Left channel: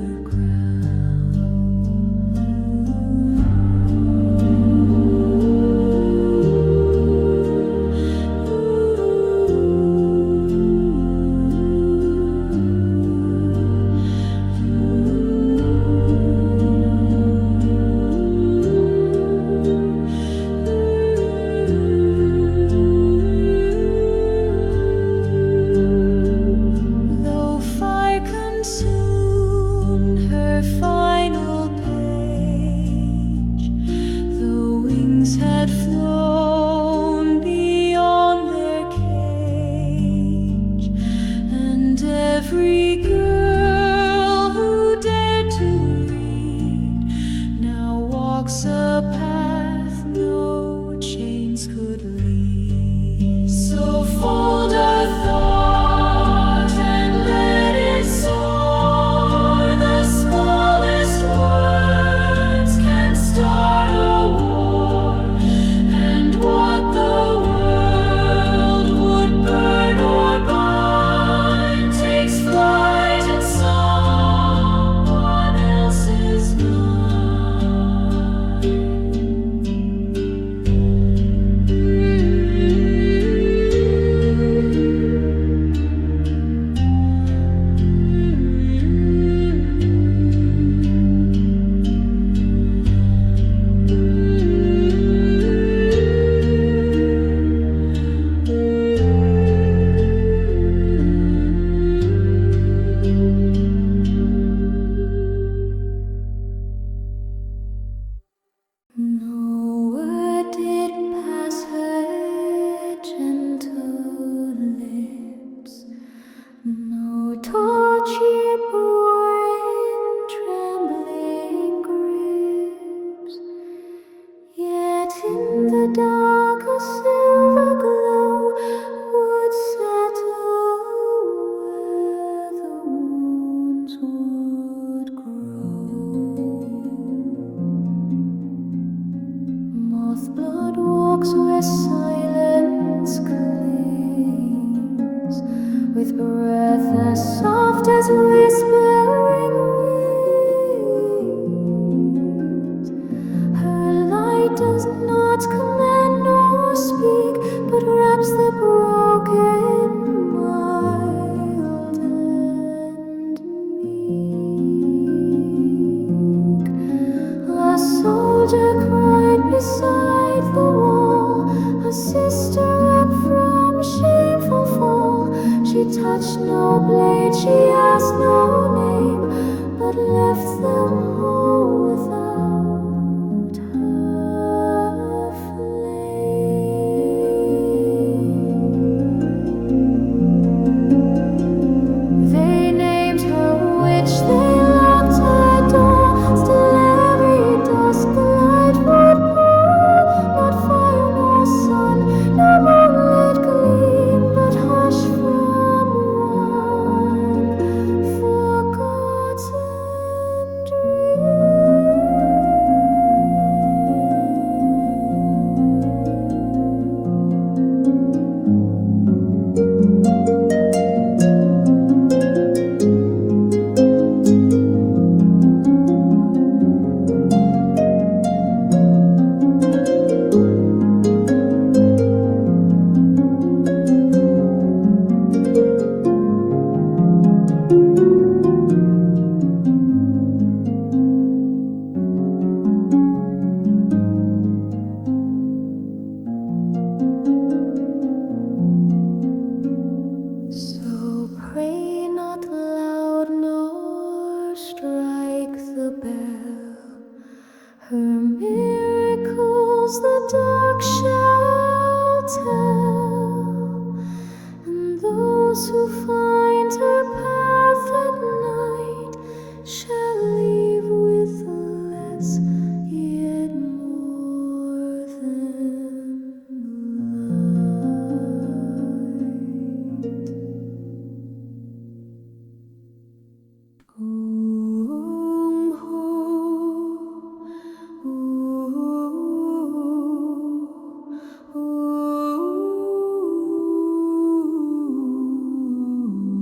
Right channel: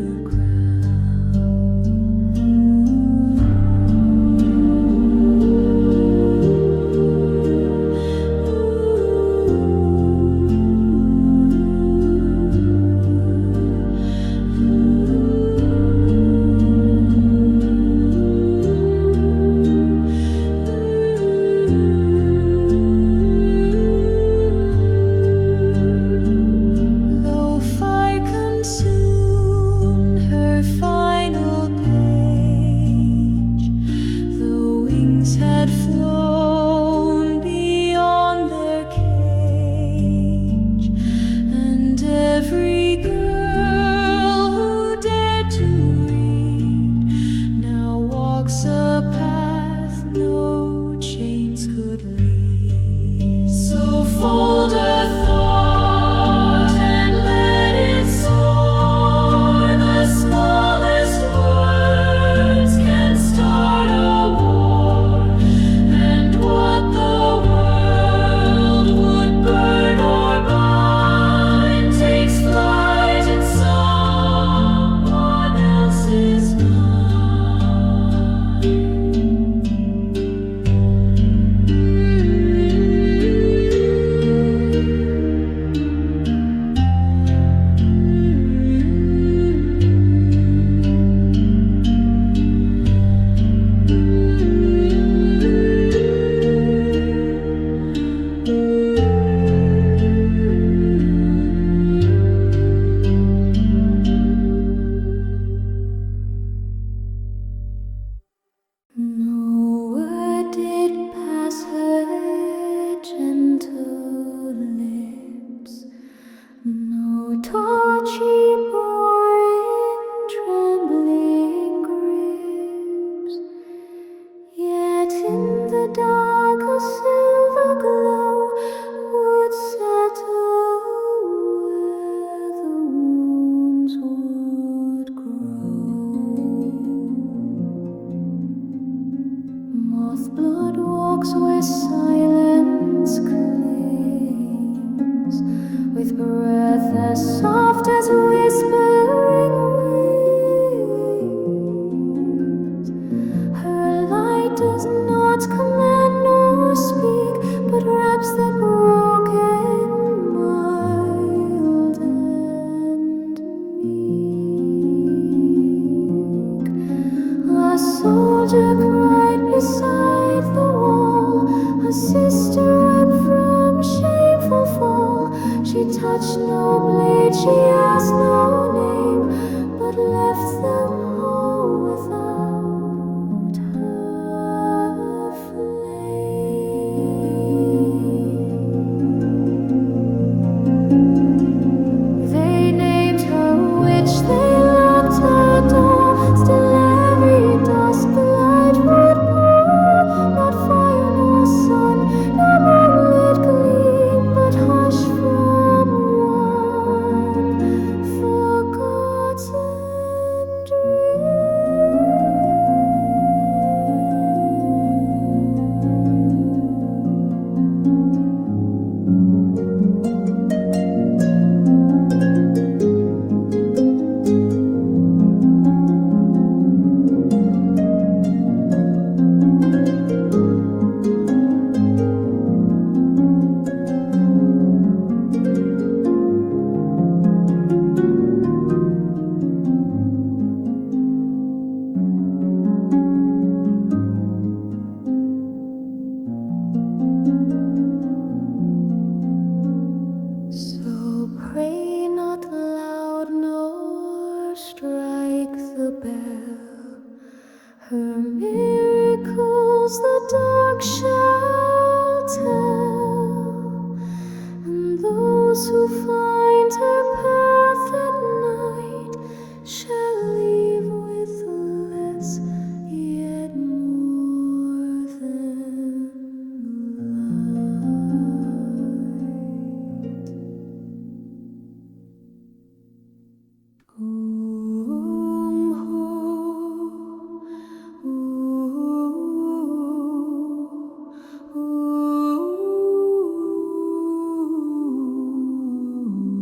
Mothblood walks where silence clings, with breath as soft as whispering winds. Her light does not command nor speak, but wraps the broken mild and meek. A soldier cried beside the wall, a sister wept from shameful fall. She touched no blade, she asked no name, but left them all without her flame. They named her witch, they locked her door. Still every dusk the light would pour. Not fire nor sun, no moonlit gleam, but hush from one forgotten dream. So pray not loud nor strike the bell. Her miracles the dark shall tell, and those who find her path at night shall leave with less, yet more than light.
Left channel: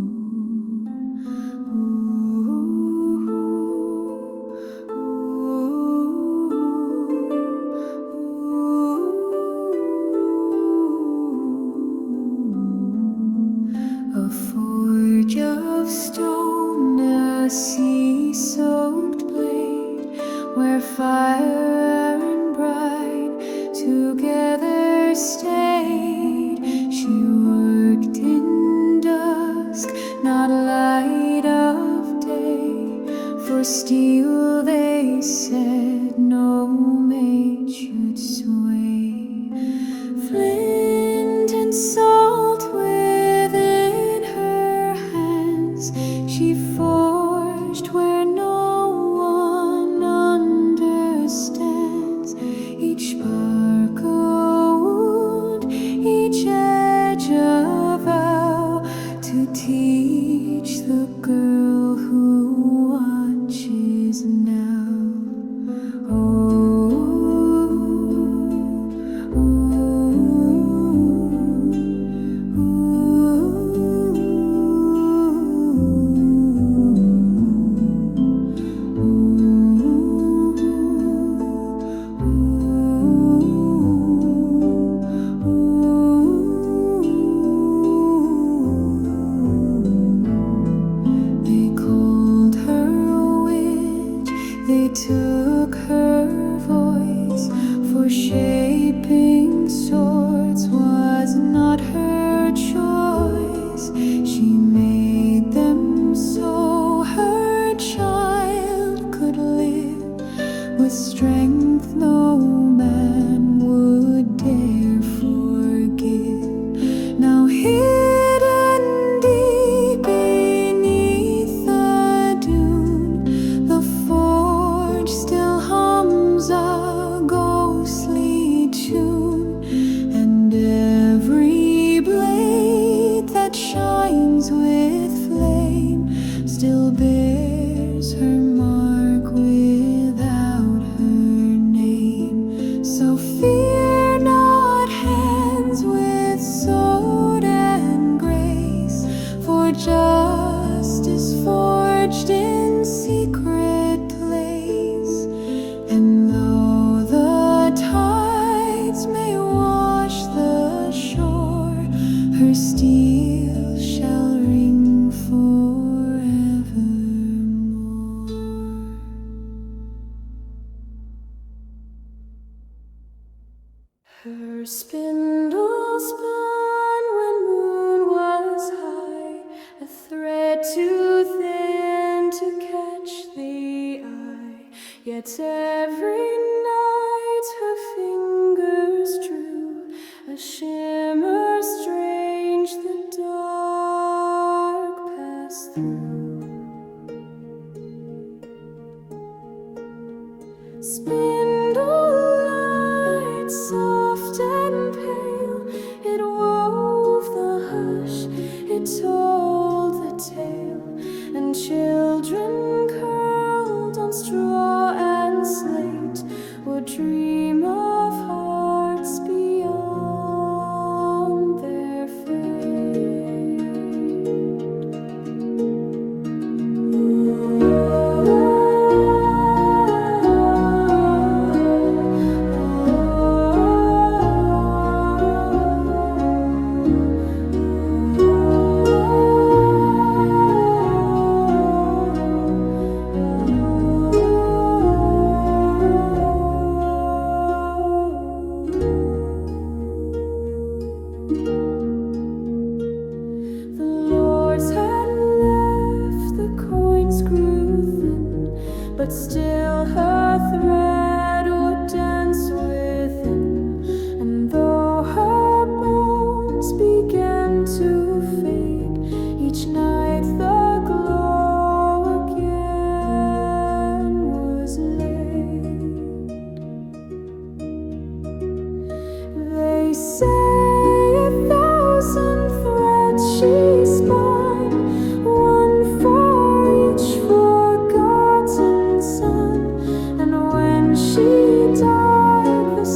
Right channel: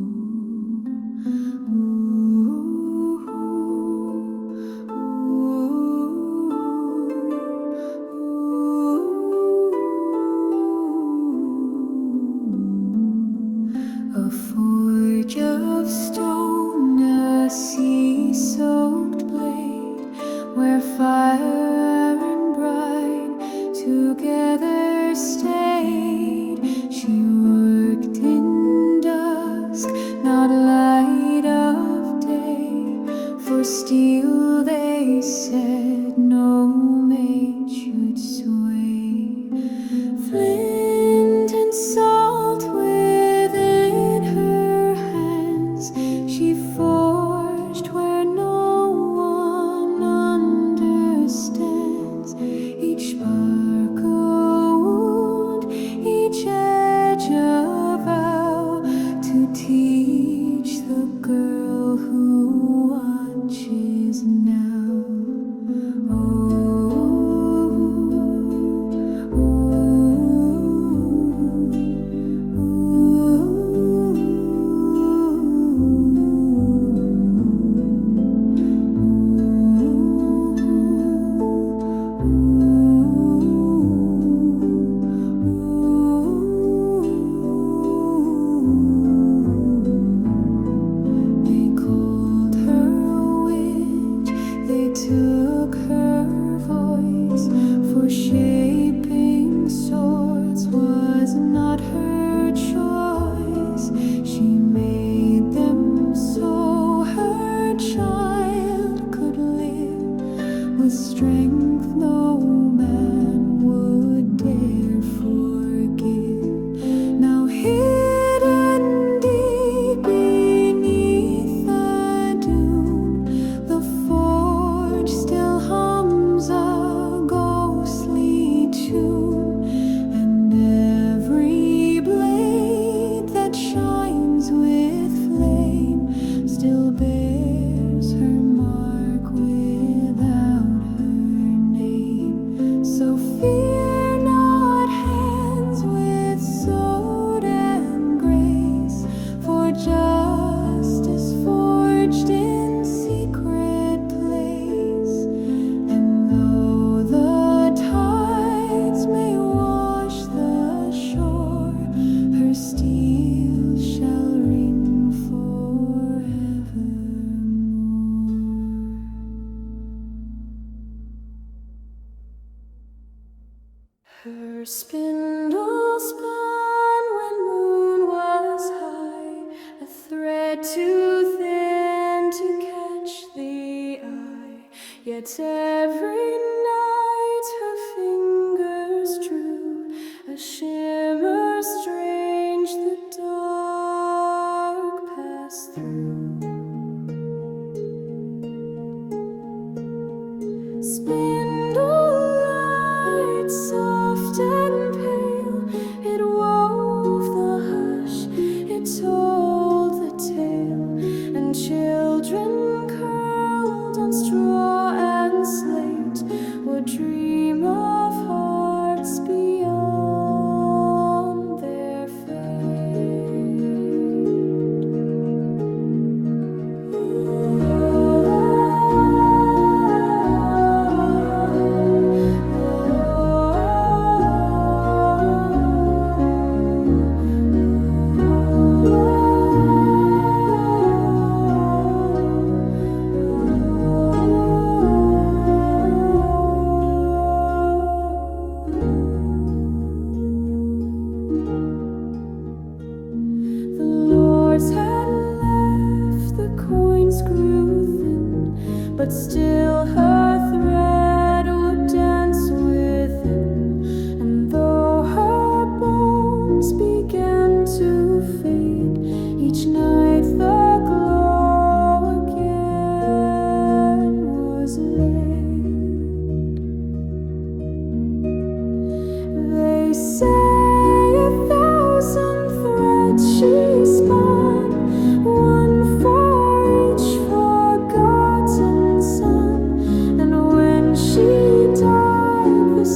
where fire and brine together stayed. She worked in dusk, not light of day, for steel they said no maid should sway. Flint and salt within her hands, she forged where no one understands. Each spark a wound, each edge a vow, to teach the girl who watches now. Took her voice, for shaping swords was not her choice. She made them so her child could live with strength no man would dare forgive. Now hidden deep beneath the dune, the still hums a ghostly tune, and every blade that shines with flame still bears her mark without her name. So fear not hands with sword and grace, for justice forged in secret place. And though the tides may wash the shore, her steel shall ring forevermore. Her spindle spun when moon was high, a thread too thin to catch the eye. Yet every night her fingers drew a shimmer strange the dark passed through. Spindlelight, soft and pale, it wove the hush, it told the tale, and children curled on straw and slate would dream of hearts beyond their fate. But still her thread would dance within, and though her bones began to fade, each night the glow again was laid. They say 1,000 threads she spun, one for each forgotten son, and when she died the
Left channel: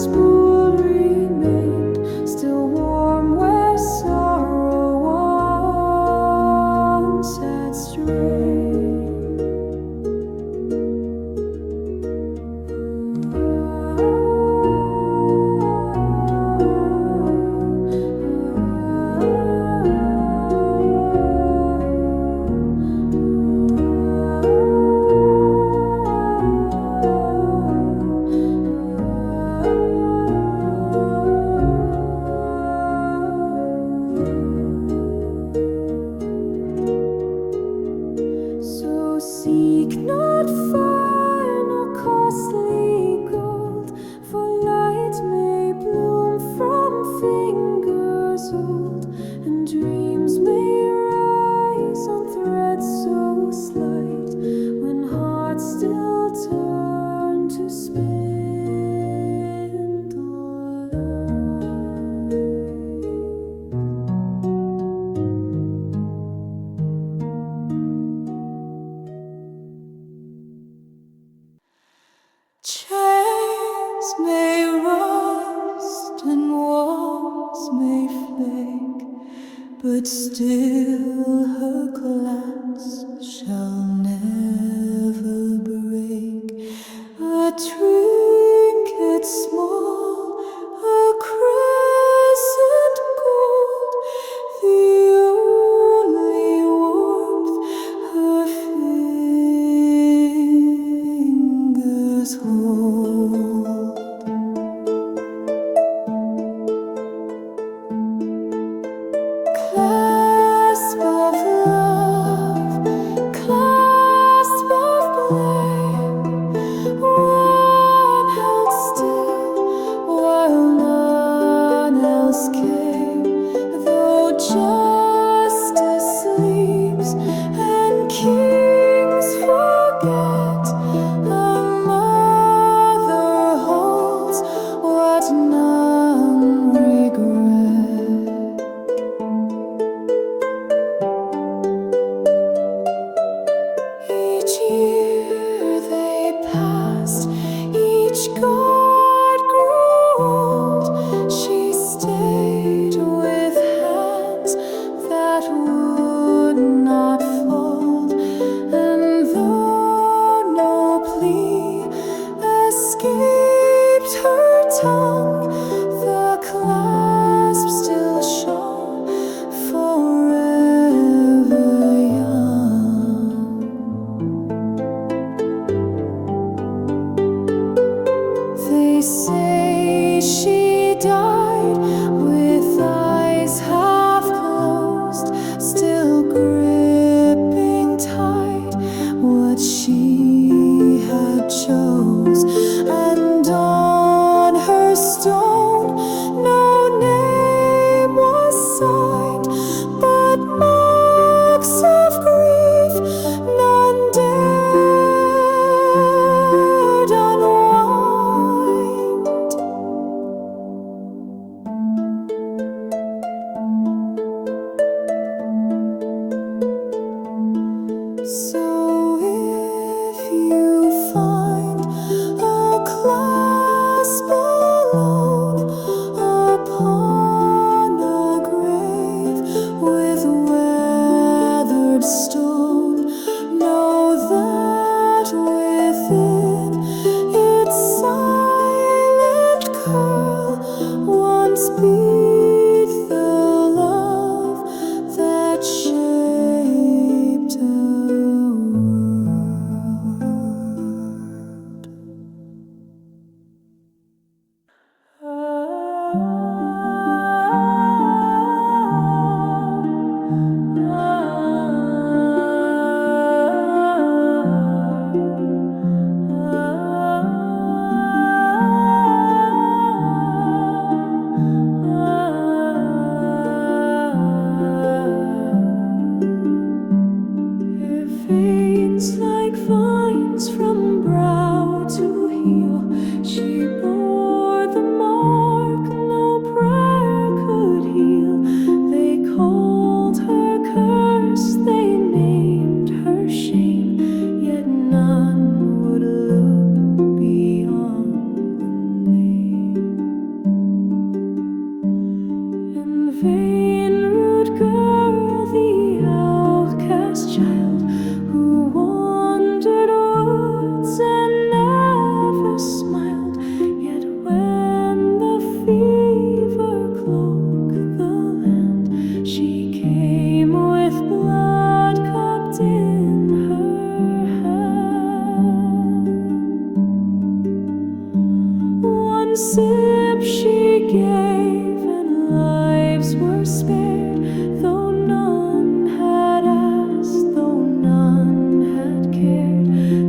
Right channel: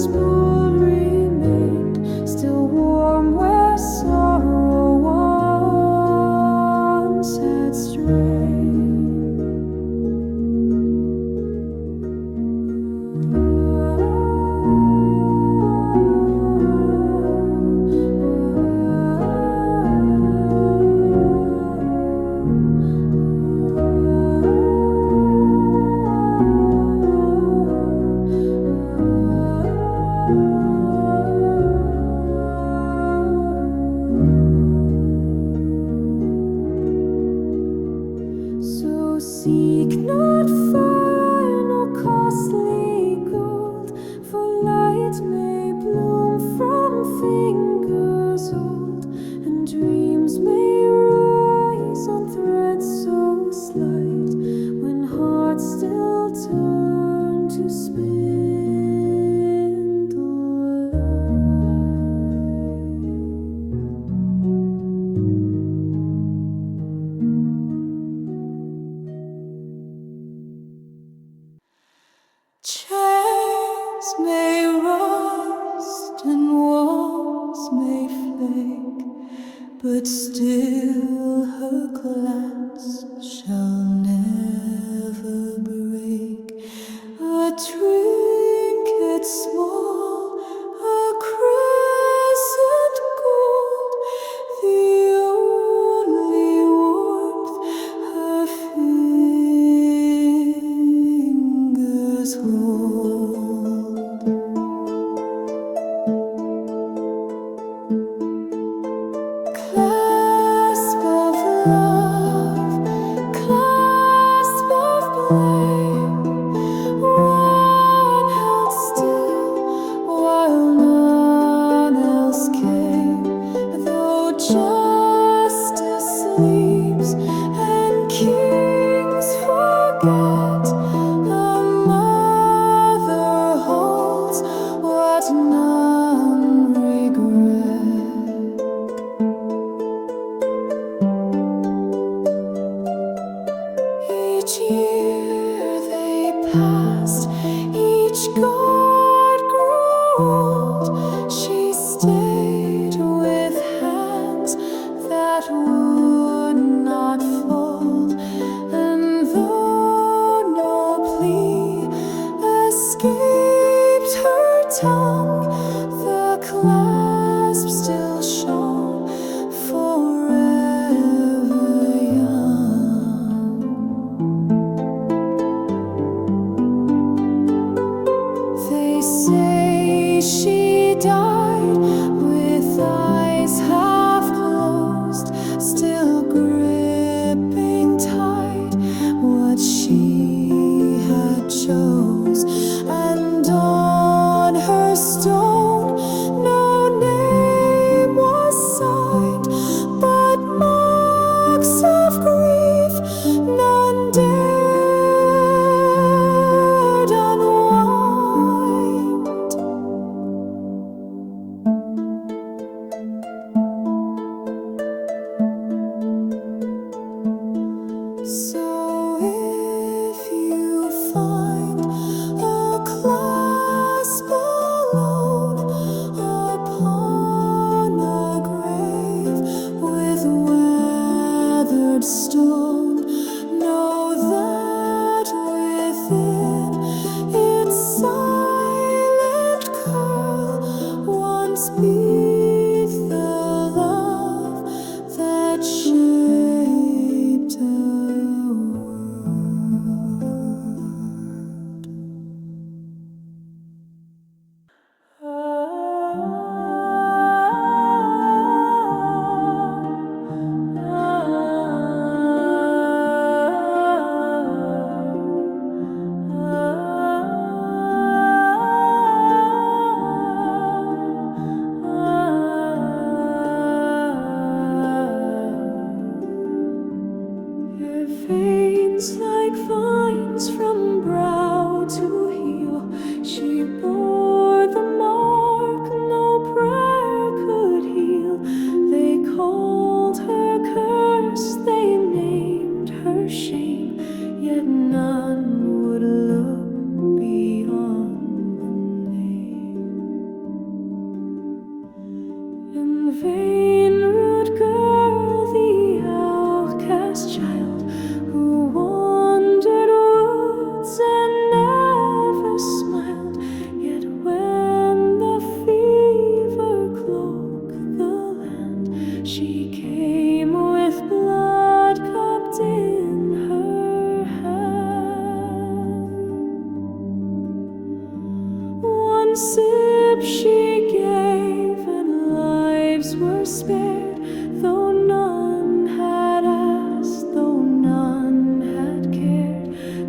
not fire nor costly gold, for light may bloom from fingers old, and dreams may rise on threads so slight, when hearts still turn to spindlelight. Chairs may rust and walls may flake, but still her clasp shall never break. A trinket small, a crescent gold, the only warmth her fingers hold. Clasp of love, clasp of blame, one held still while none else came. Though justice sleeps and kings forget, a mother holds what none regret. Each year they passed, each guard grew old. She stayed with hands that would not fold, and though no plea escaped her tongue, the clasp still shone forever young. They say she died with eyes half closed, still gripping tight what she had chose, and on her stone no name was signed, but marks of grief none dared unwind. So if you find a clasp alone upon a grave with weathered stone, know that within its silent curl once beat the love that shaped a Her veins like vines from brow to heel, she bore the mark no prayer could heal. They called her curse, they named her shame, yet none would look beyond the name. And Veinroot girl, the outcast child, who wandered woods and never smiled, yet when the fever cloaked the land, she came with blood cupped in her hand. One sip she gave, and lives were spared, though none had asked, though none had cared.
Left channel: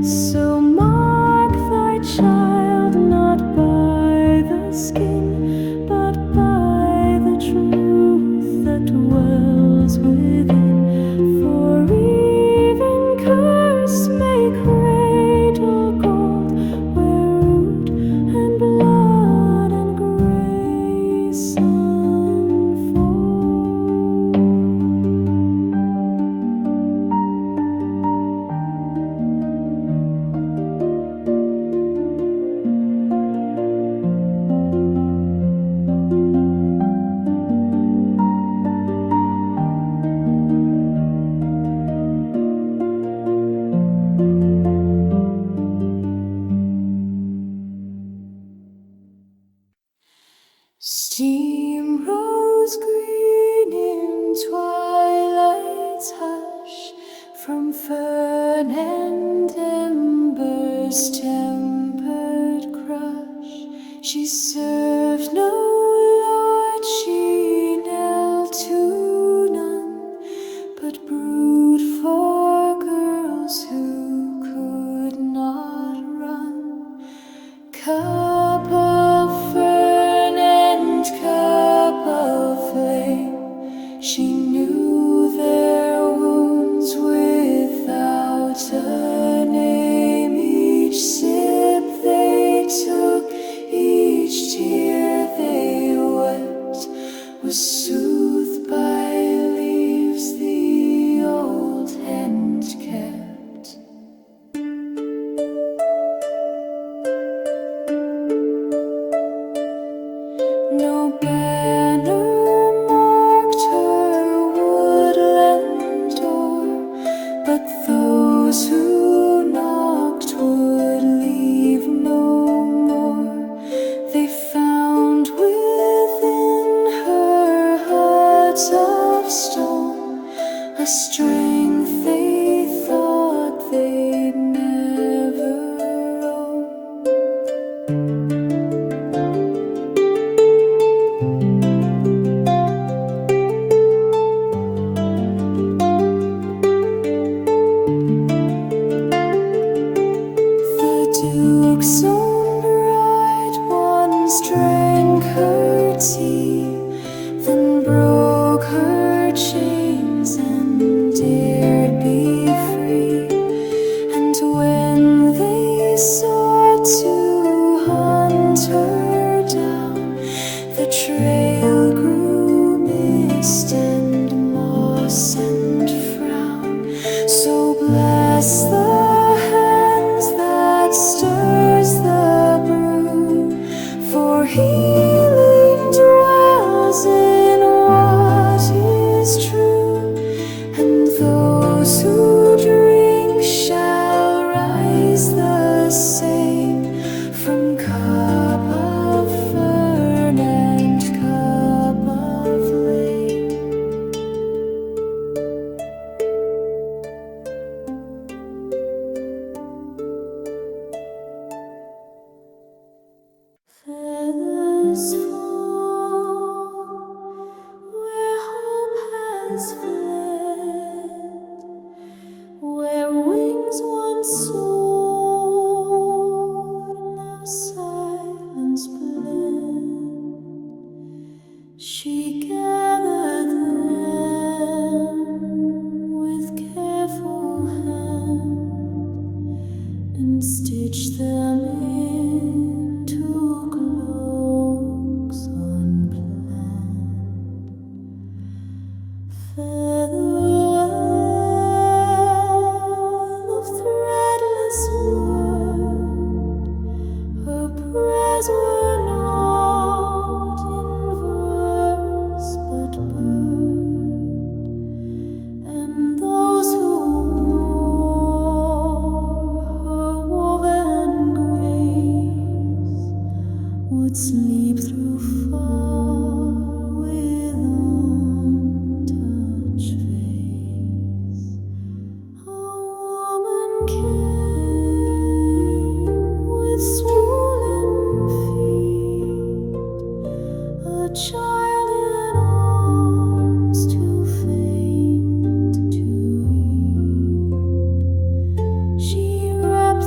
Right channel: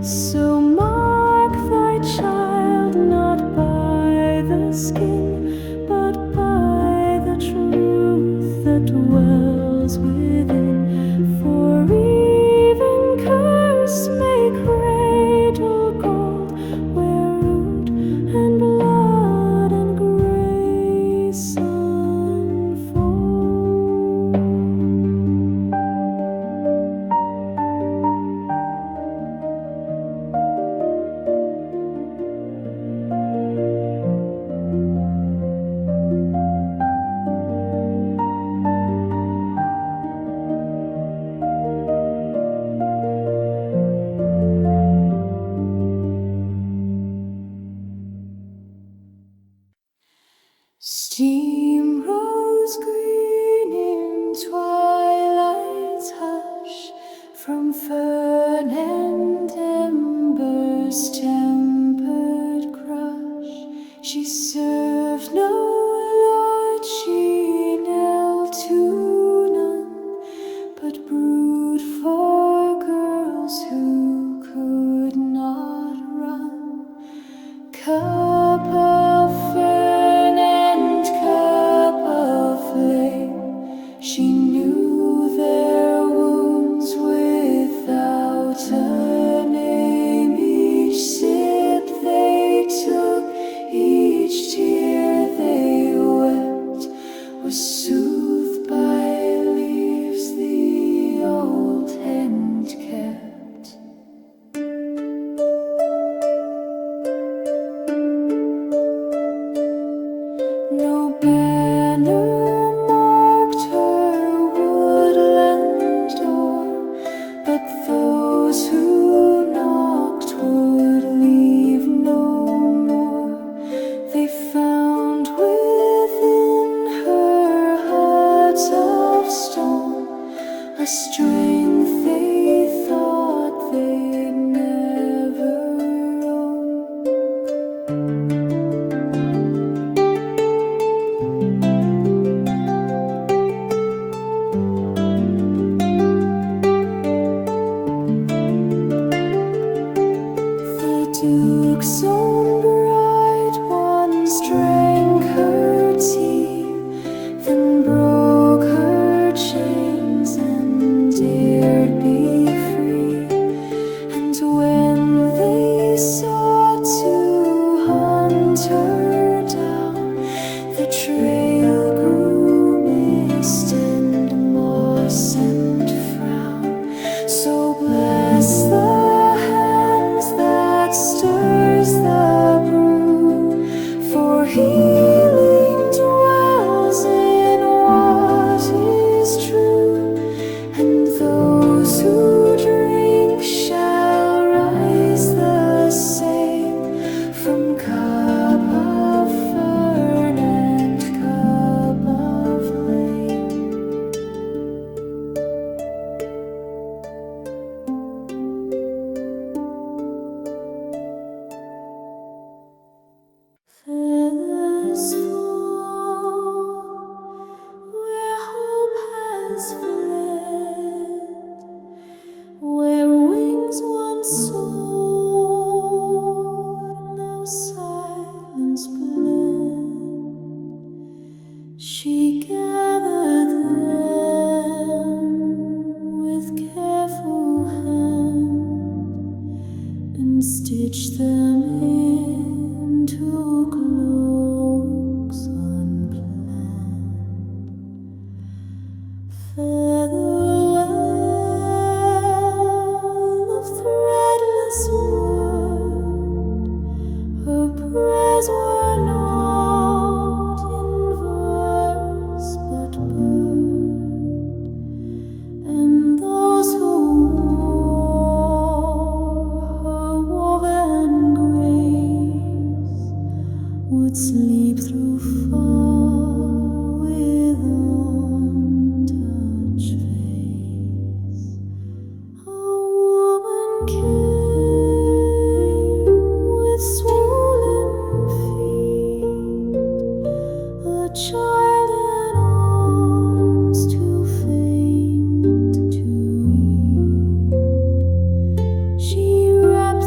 So mark thy child not by the skin, but by the truth that dwells within. For even curse may cradle gold, where root and blood and grace unfold. Steam rose green in twilight's hush, from fern and embers tempered crush. She served no lord, she knelt to none, but brewed for girls who could not run. Cup of fern and cup of flame, she knew their wounds without a name. Each sip they took, each tear they wept, was soothed by leaves the old hand kept. No banner marked her woodland door, but those who knocked would leave no more. They found within her hut of stone a strength they thought they'd never own. The Duke's own bride once drank her tea, then broke her chains and dared be free. And when they sought to hunt her down, the trail grew mist and moss and frown. So bless the hands that stirs the brew, for healing dwells in what is true, and those who drink shall rise the same from cup of fern and cup of flame. Feathers fall where hope has fled, where wings once soared, now silence bled. She gathered them with careful hand and stitched them into cloaks unplanned. Featherwell of threadless word, her prayers were not in verse but bird, and those who wore her woven grace would sleep through far with untouched face. A woman came with swollen feet, a child in arms too faint to eat. She wrapped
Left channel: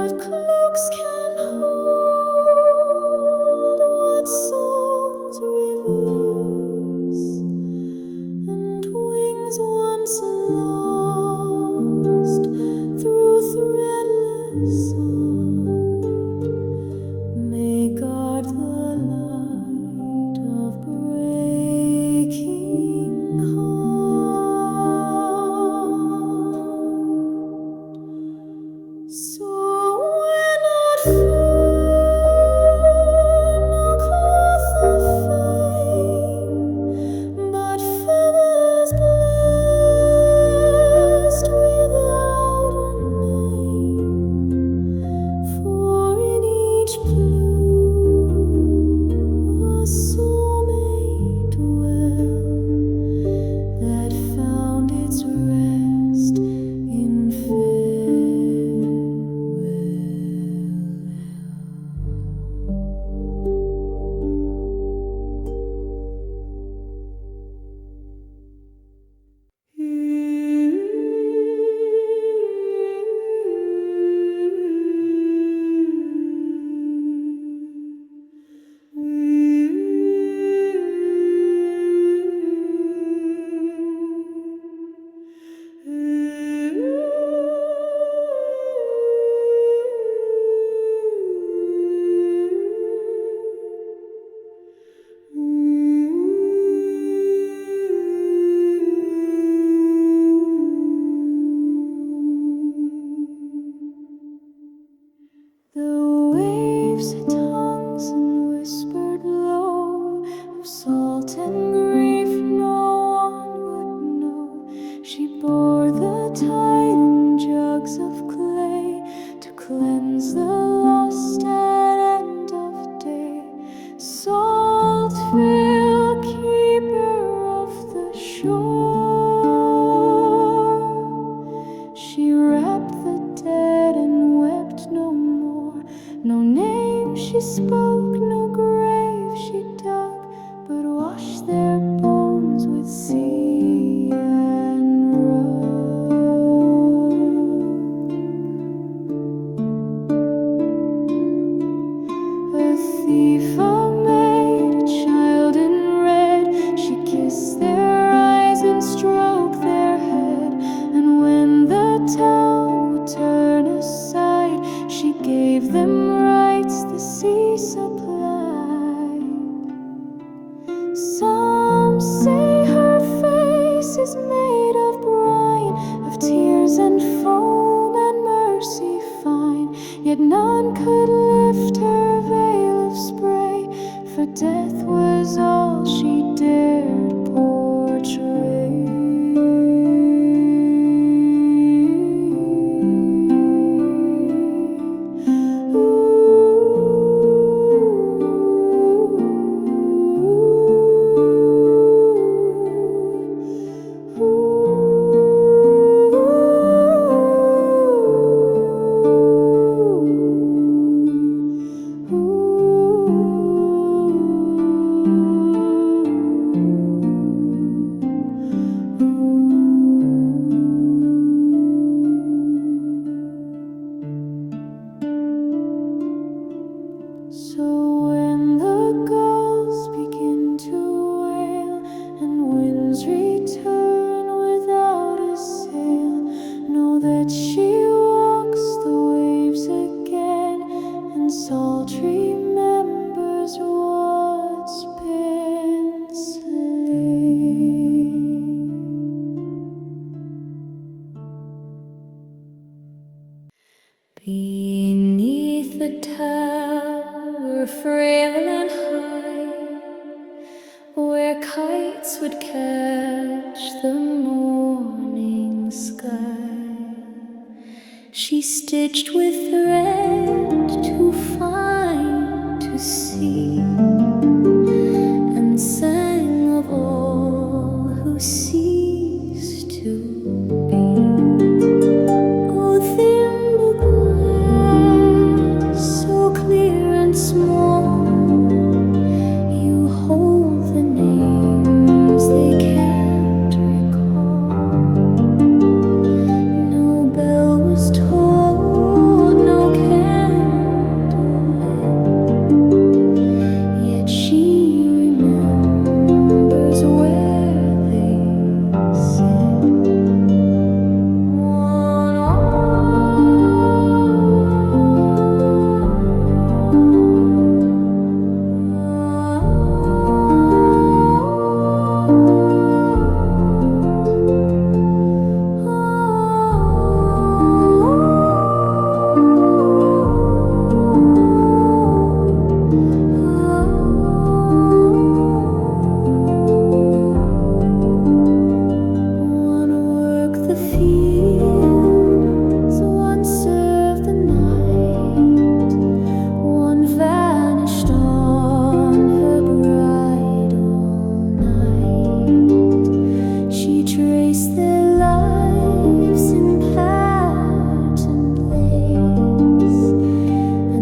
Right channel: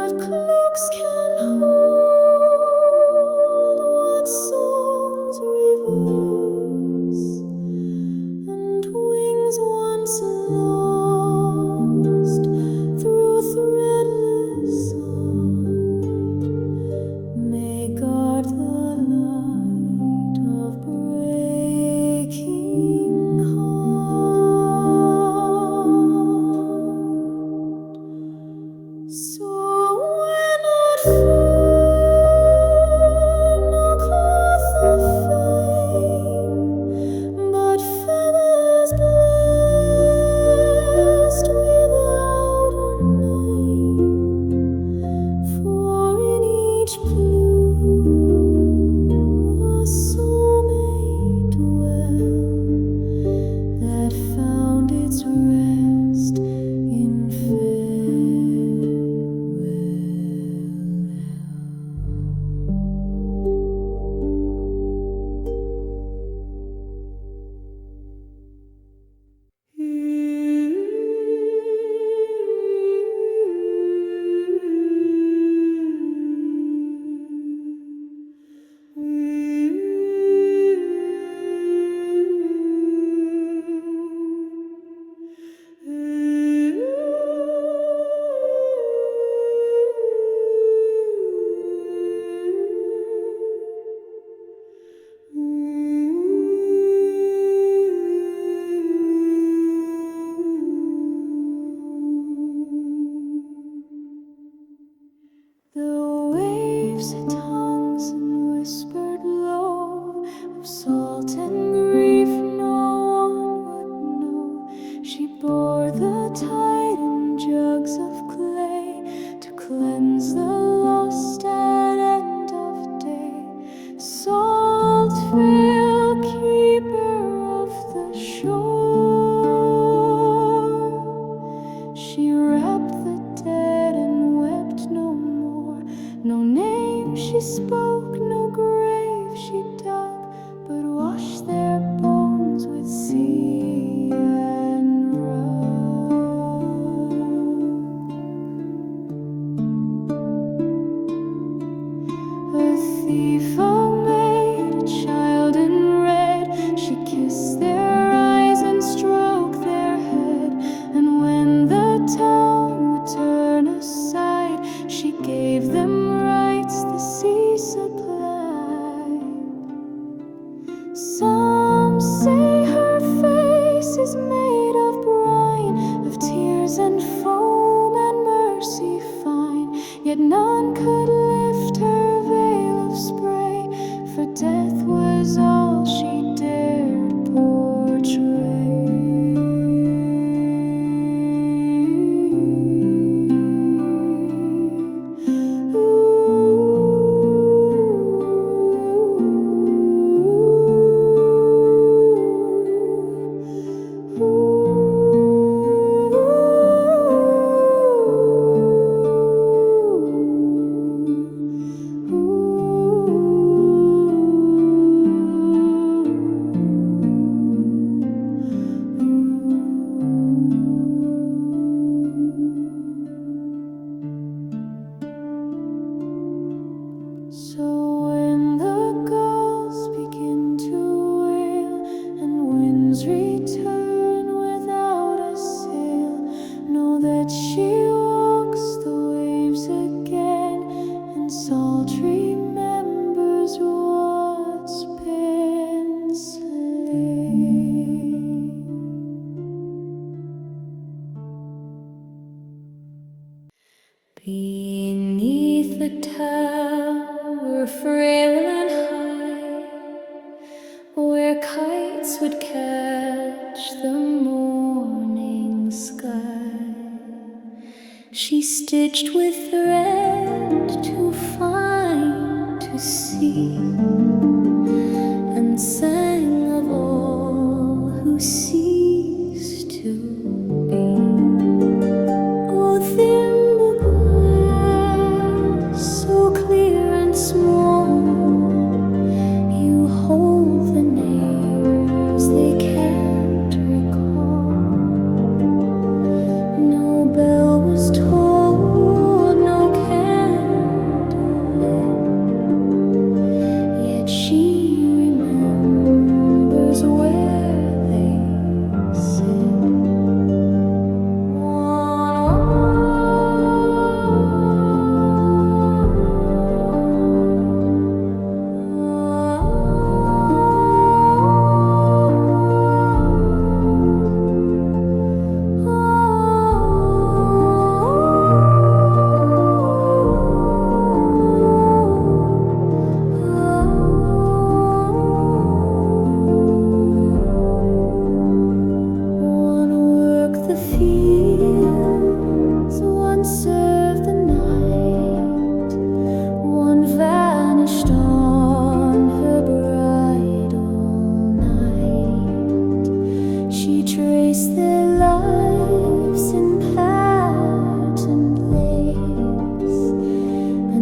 what cloaks can hold, what songs reverse, and wings once lost through threadless art may guard the light of breaking heart. So when at fern no cloth of fame, but feathers blessed without a name, for in each plume a soul may dwell that found its rest in The waves had tongues and whispered low of salt and grief no one would know. She bore the tide in jugs of clay to cleanse the lost at end of day. Saltveil, keeper of the shore, she wrapped the dead and wept no more. No name she spoke, no grave she dug, but washed their bones with sea and rug. A thief, a maid, a child in red, she kissed their eyes and stroked their head. And when the town would turn aside, she gave them rights the sea supplied. Some say her face is made of brine, of tears and foam and mercy fine. Yet none could lift her veil of spray, for death was all she dared portray. So when the gulls begin to wail and winds return without a sail, know that she walks the waves again and salt remembers what's been slain. Beneath the tower, frail and high, where kites would catch the morning sky, she stitched with thread too fine to see, and sang of all who cease to be. Oh, Thimbleglass, so clear and small, you hold the names they can't recall. No bell was tolled, no candle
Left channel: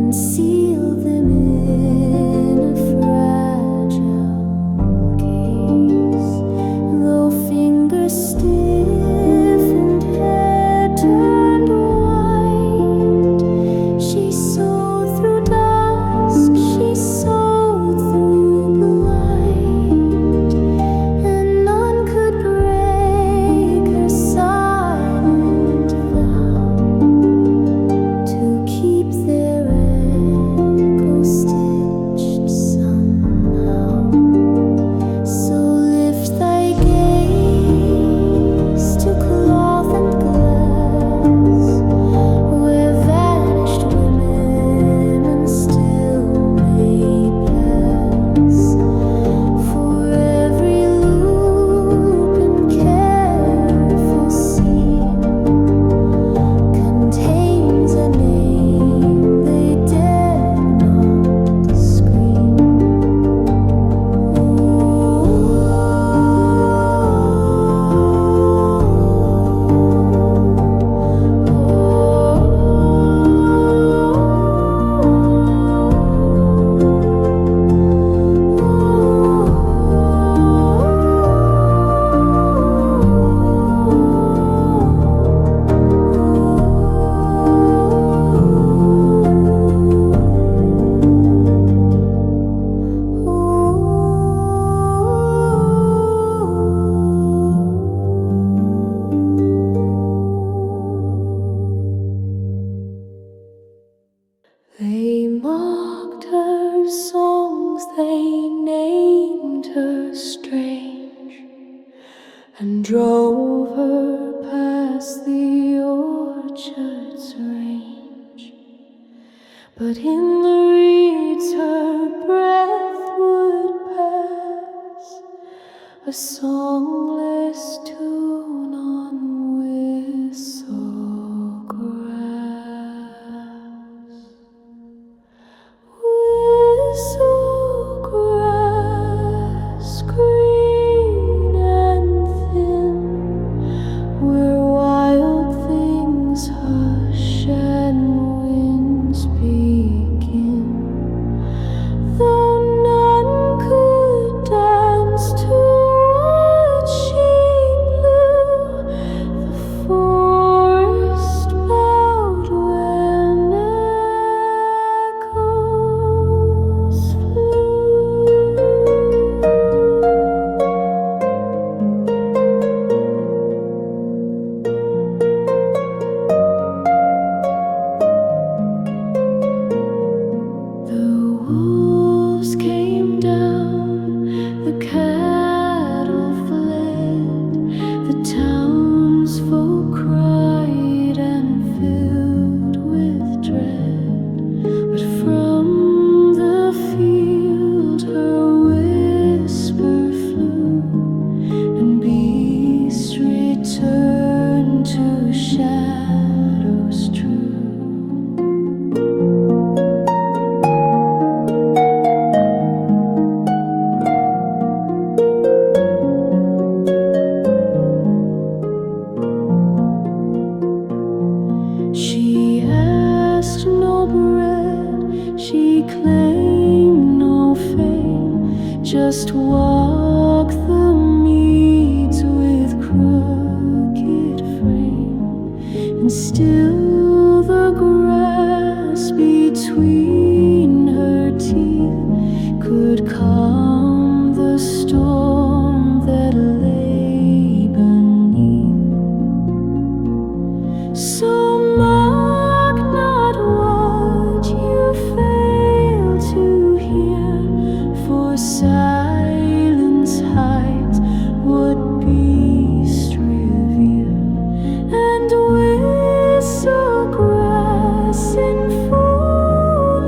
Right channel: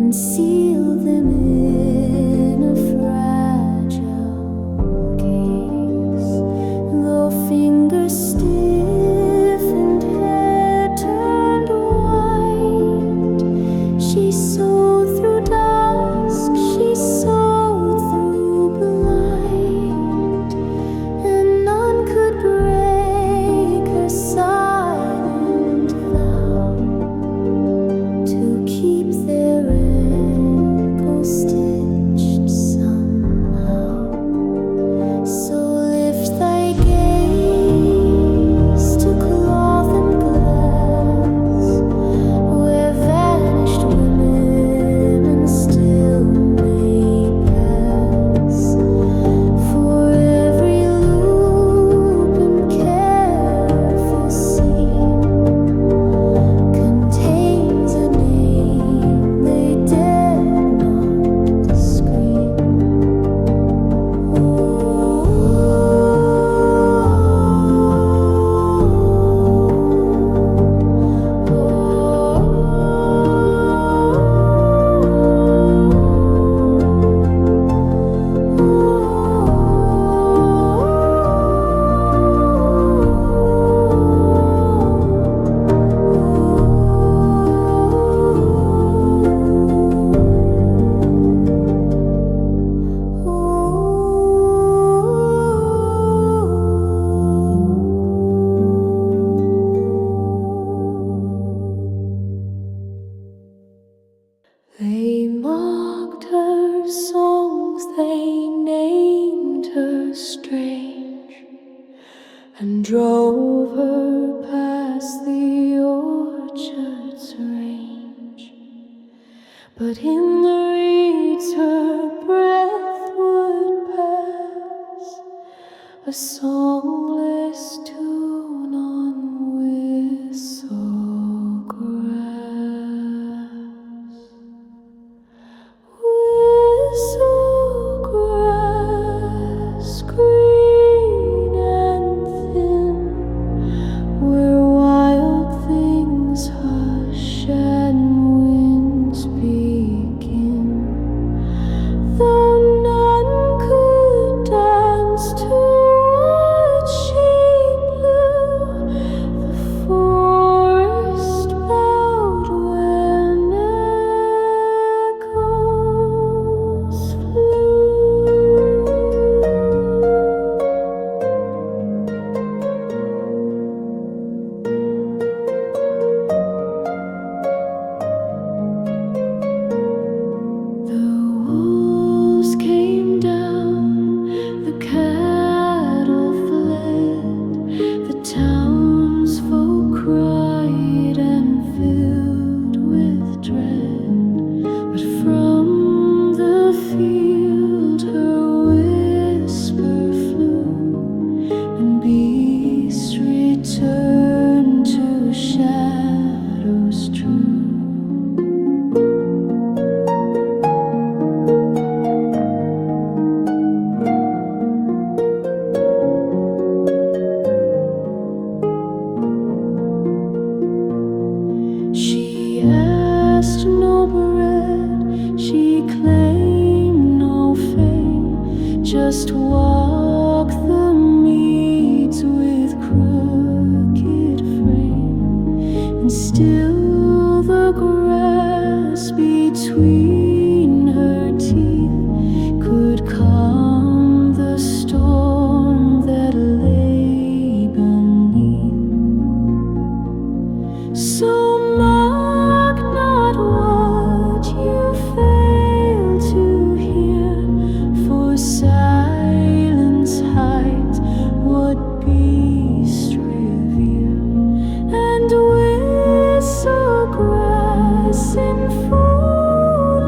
and seal them in a fragile case. Though fingers stiff and hair turned white, she sewed through dusk, she sewed through blight, and none could break her silent vow to keep their echo stitched somehow. So lift thy gaze to cloth and glass, where vanished women still may pass. For every loop and careful seam contains a name they dared not scream. They mocked her songs, they named her strange, and drove her past the orchard's range. But in the reeds her breath would pass, a songless tune on Whistlegrass. Whistlegrass, green and thin, where wild things hush and winds begin. Though none could dance to what she blew, the forest bowed when echoes The wolves came down, the cattle fled, the townsfolk cried and filled with dread. But from the field her whisper flew, and beasts returned to shadows true. She asked no bread, she claimed no fame, just walk the meads with crooked frame, and still the grass between her teeth could calm the storm that lay beneath. So mock not what you fail to hear, for silence hides what beast revere, and Whistlegrass in full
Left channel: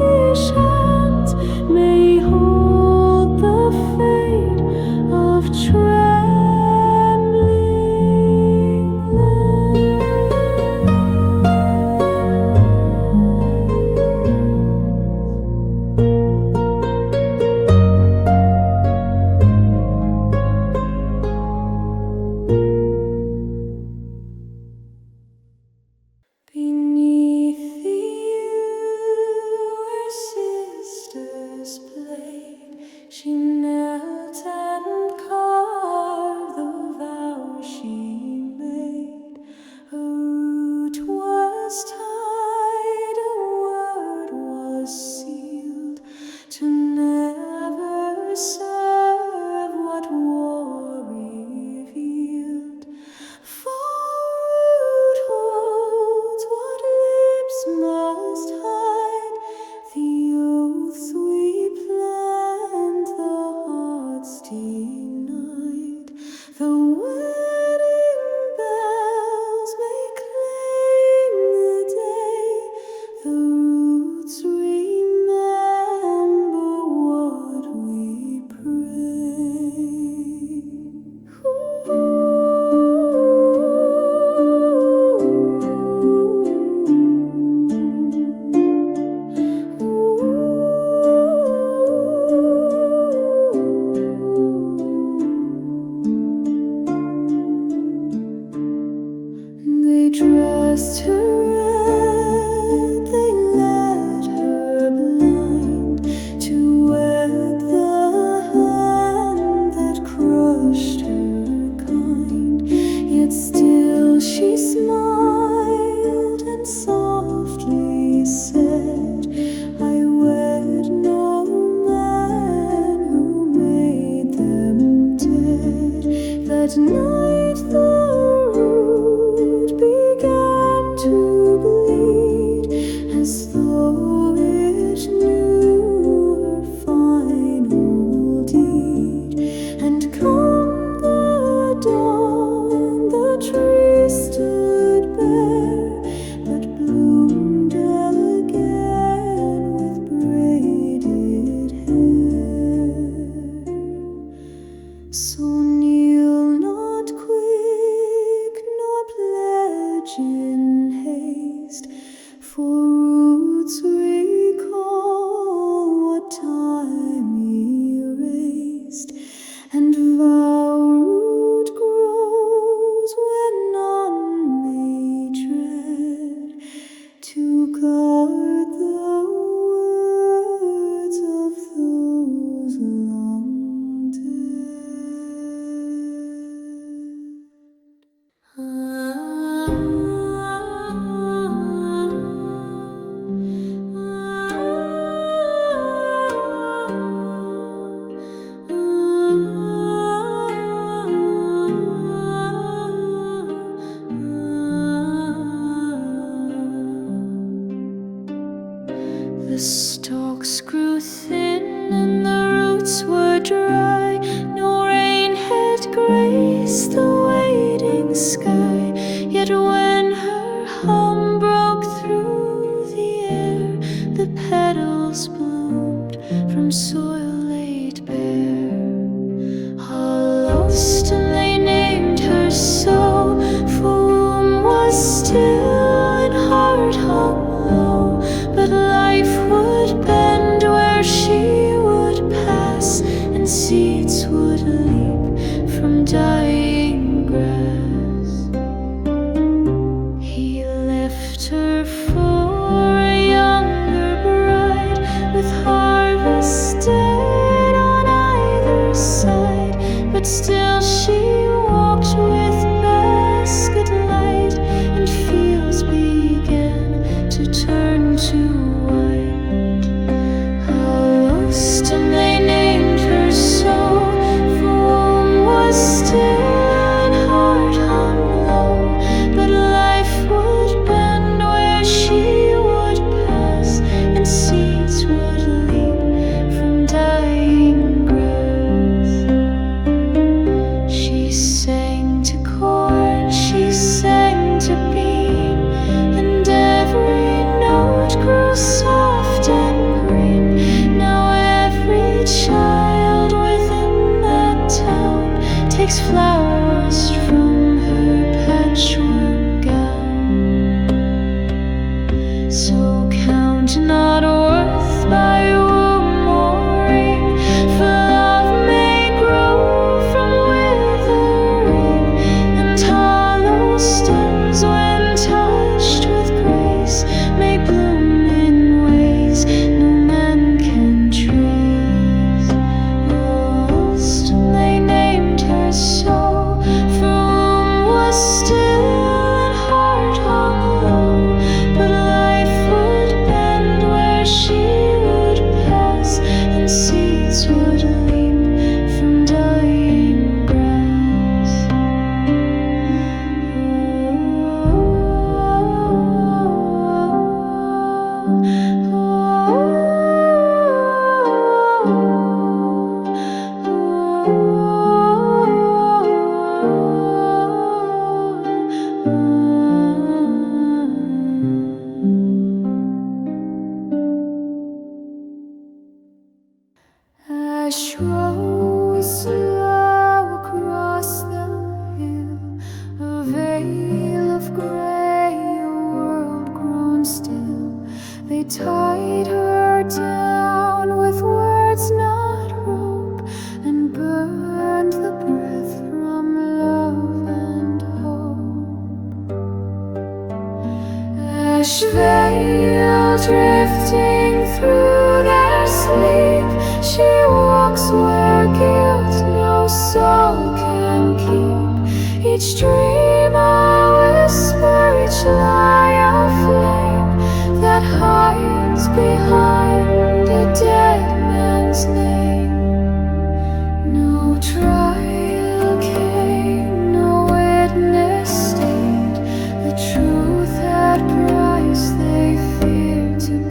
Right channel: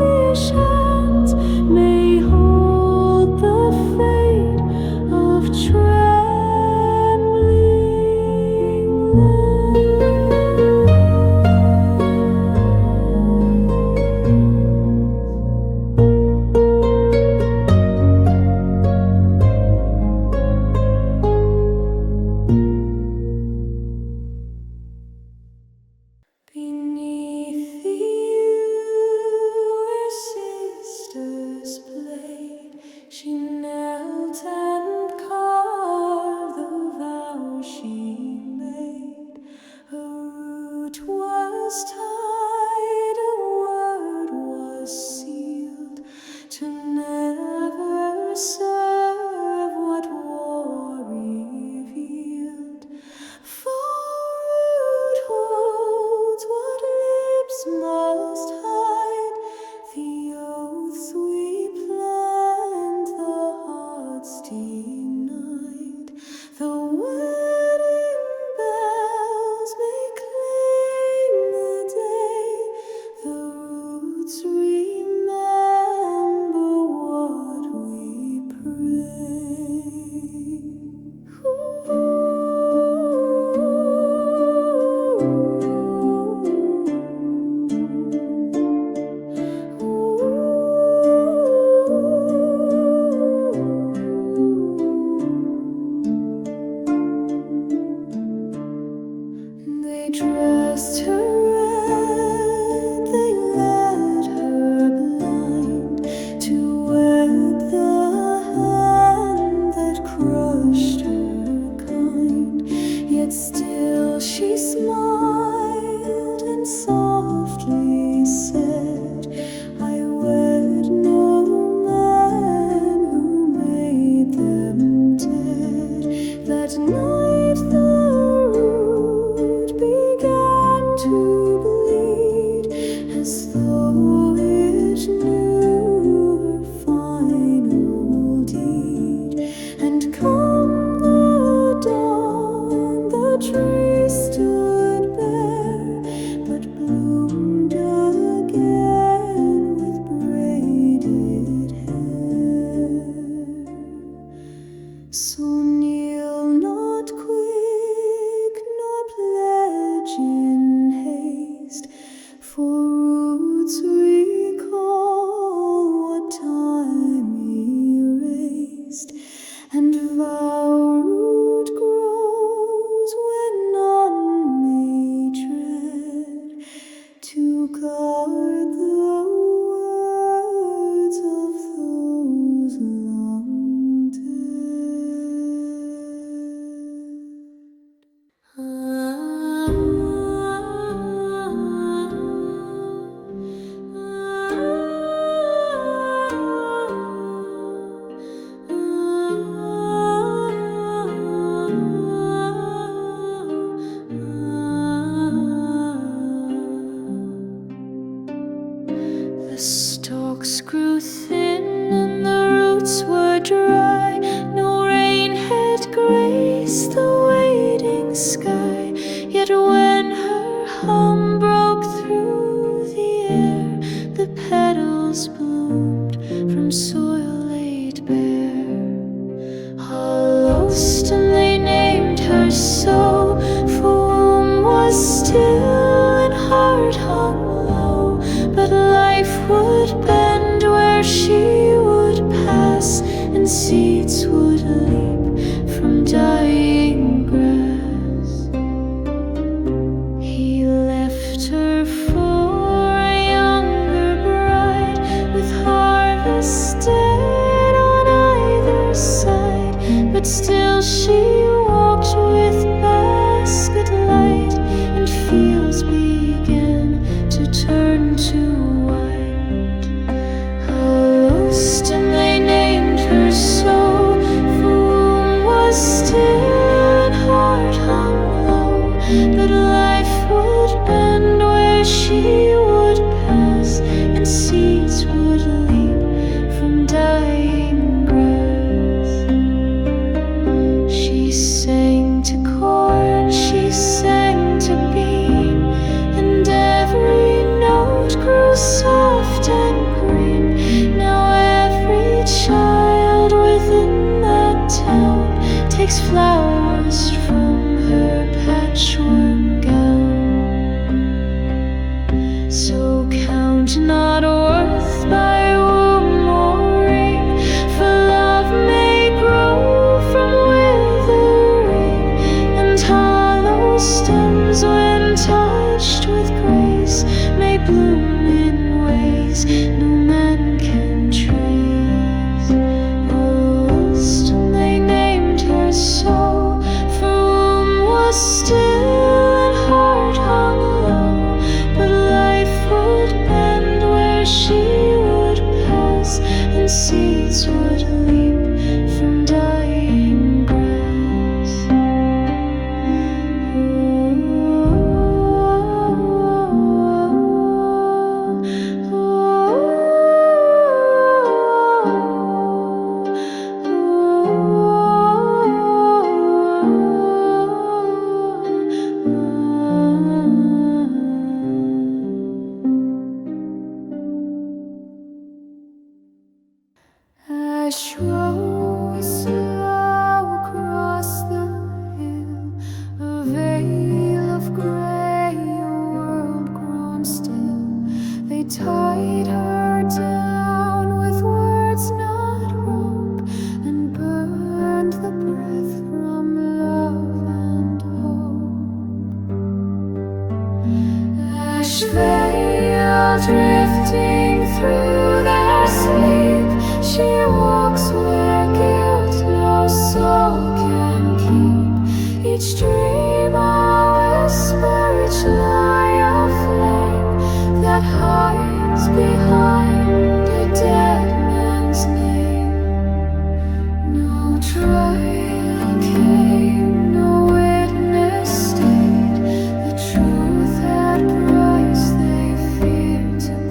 as though it knew her final deed. And come the dawn, the tree stood bare, but bloomed again with braided hair. So kneel not quick, nor pledge in haste, for roots recall what time erased, and Vowroot grows when none may tread, to guard the words of those long The stalks grew thin and the roots were dry. No rain had graced the waiting sky. Yet when her hum broke through the air, the petals bloomed from soil laid bare. Hollowstem they named her so, for womb was still and heart hung low. But life would bend where she would pass, and seeds would leap from dying grass. He left her for a younger bride, with harvest dead on either side. But still she walked with basket light, and fields began to turn to white. Hollowstem they named her so, for womb was still and heart hung low. But life would bend where she would pass, and seeds would leap from dying grass. She sang to corn, she sang to bean, and every note grew soft and green. Now every child within that town takes flowers from her patchwork gown. So count not worth by womb or ring, for love may grow from withering, and hollow stems when touched with grace may bloom in ways no man can trace. Hollowstem they named her so, for womb was still and heart hung low. But life would bend where she would pass, and seeds would leap from dying grass. Ashveil we slow across the hill, a veil of grey, a world grown still. They tied her down with words not rope, and burned the breath from love and hope. Ashveil drifting through their sleep, she walks where guilt no soul can keep. Each dream a whisper, each lie a flame that hides behind a dead man's name. No trial came, no witness stayed. The truth had price they feared to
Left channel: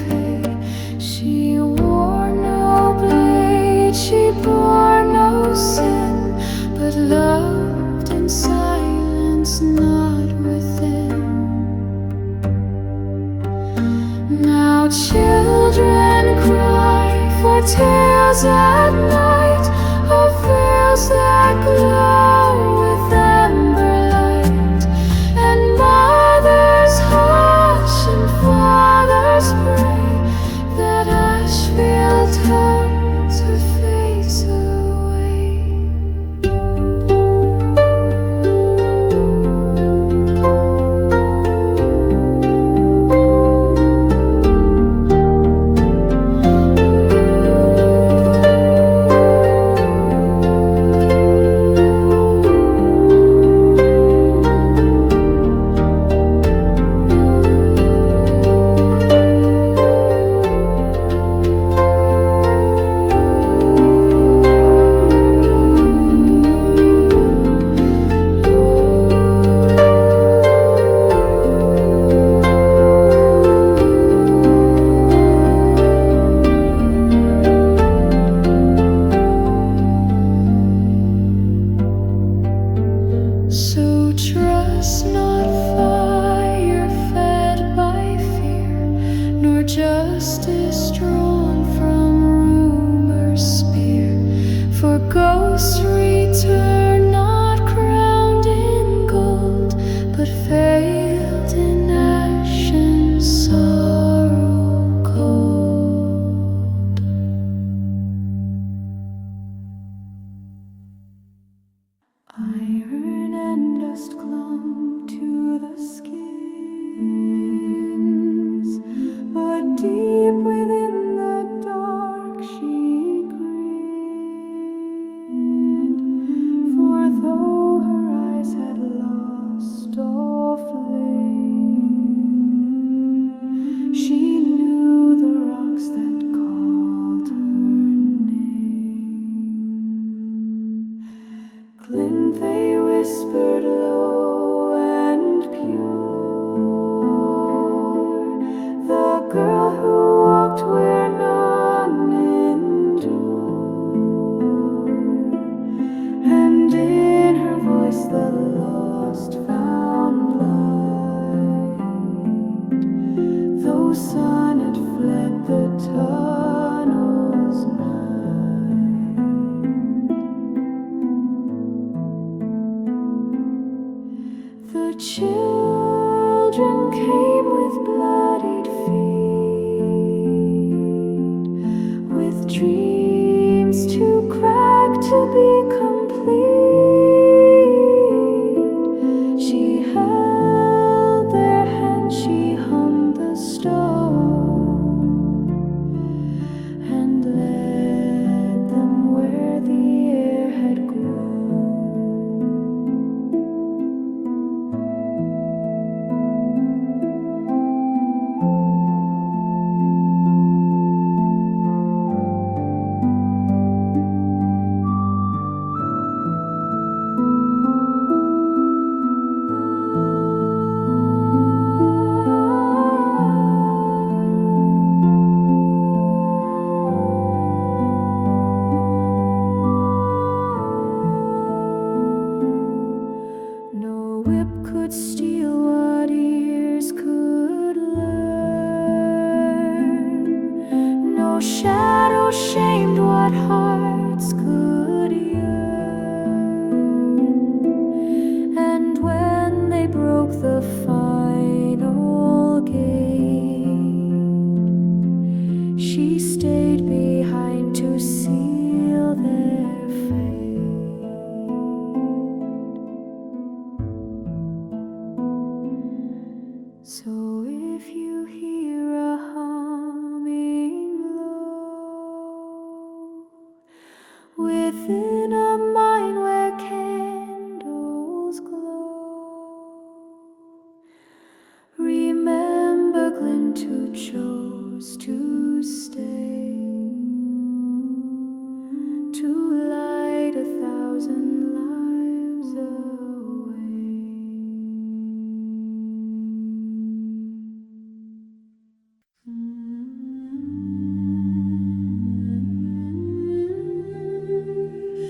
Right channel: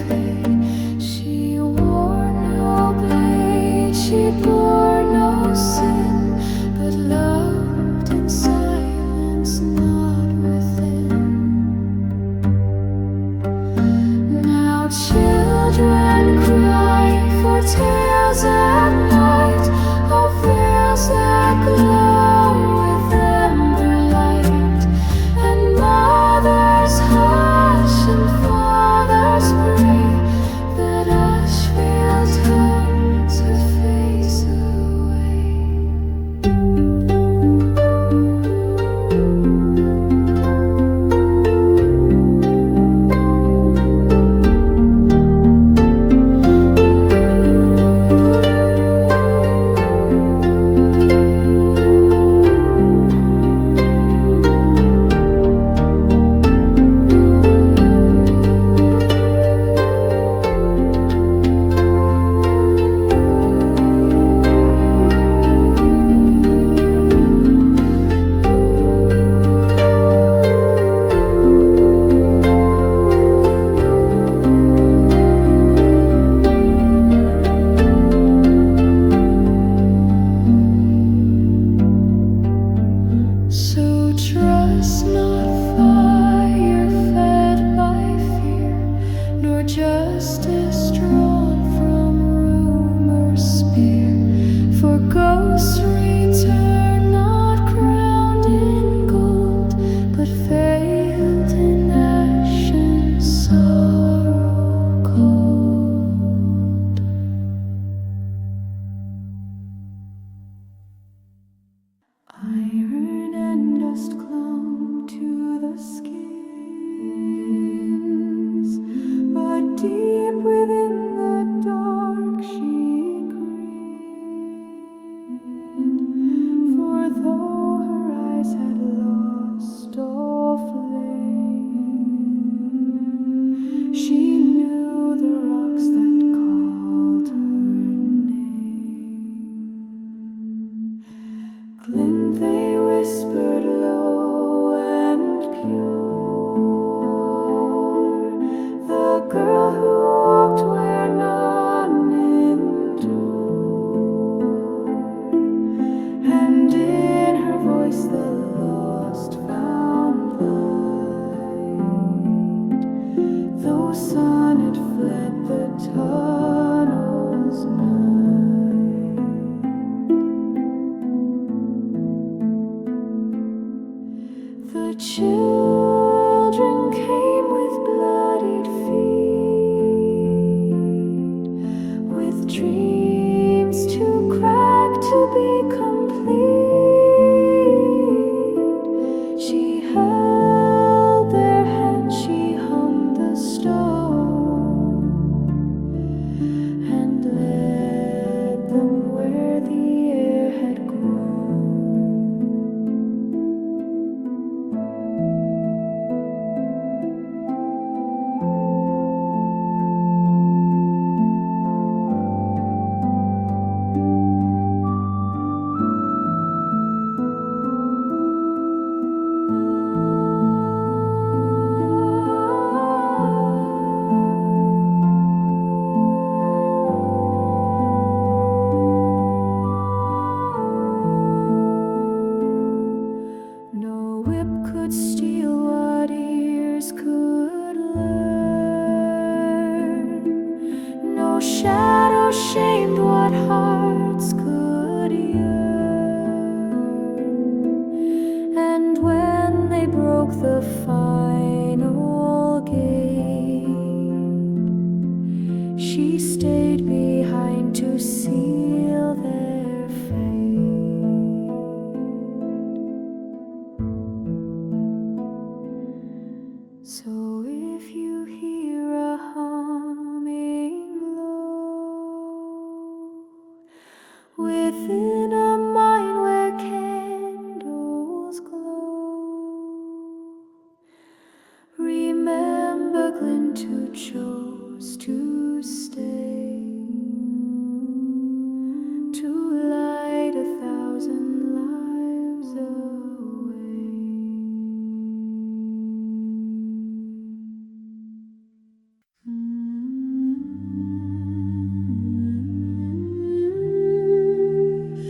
bore no sin, but loved in silence, not within. Now children cry for tales at night of veils that glow with amber light, and mothers hush and fathers pray that Ashveil turn to face away. So trust not fire fed by fear, nor justice drawn from rumor's spear. For ghosts return not crowned in gold, but veiled in ash and sorrow cold. Iron and dust clung to the skins, but deep within the dark she grinned. For though her eyes had lost all flame, she knew the rocks that called her name. Glint, they whispered low and pure, the girl who walked where none endure, and in her voice the lost found light, though sun had fled the tunnel's night. The children came with bloodied feet, with dreams too cracked to be complete. She held their hands, she hummed the stone, and led them where the air had grown. No whip could steal what ears could learn, no shadow shamed what hearts could yearn. And when they broke the final gate, she stayed behind to seal their fate. So if you hear a humming low within a mine where candles glow, remember Glint who chose to stay, to light 1,000 lives away.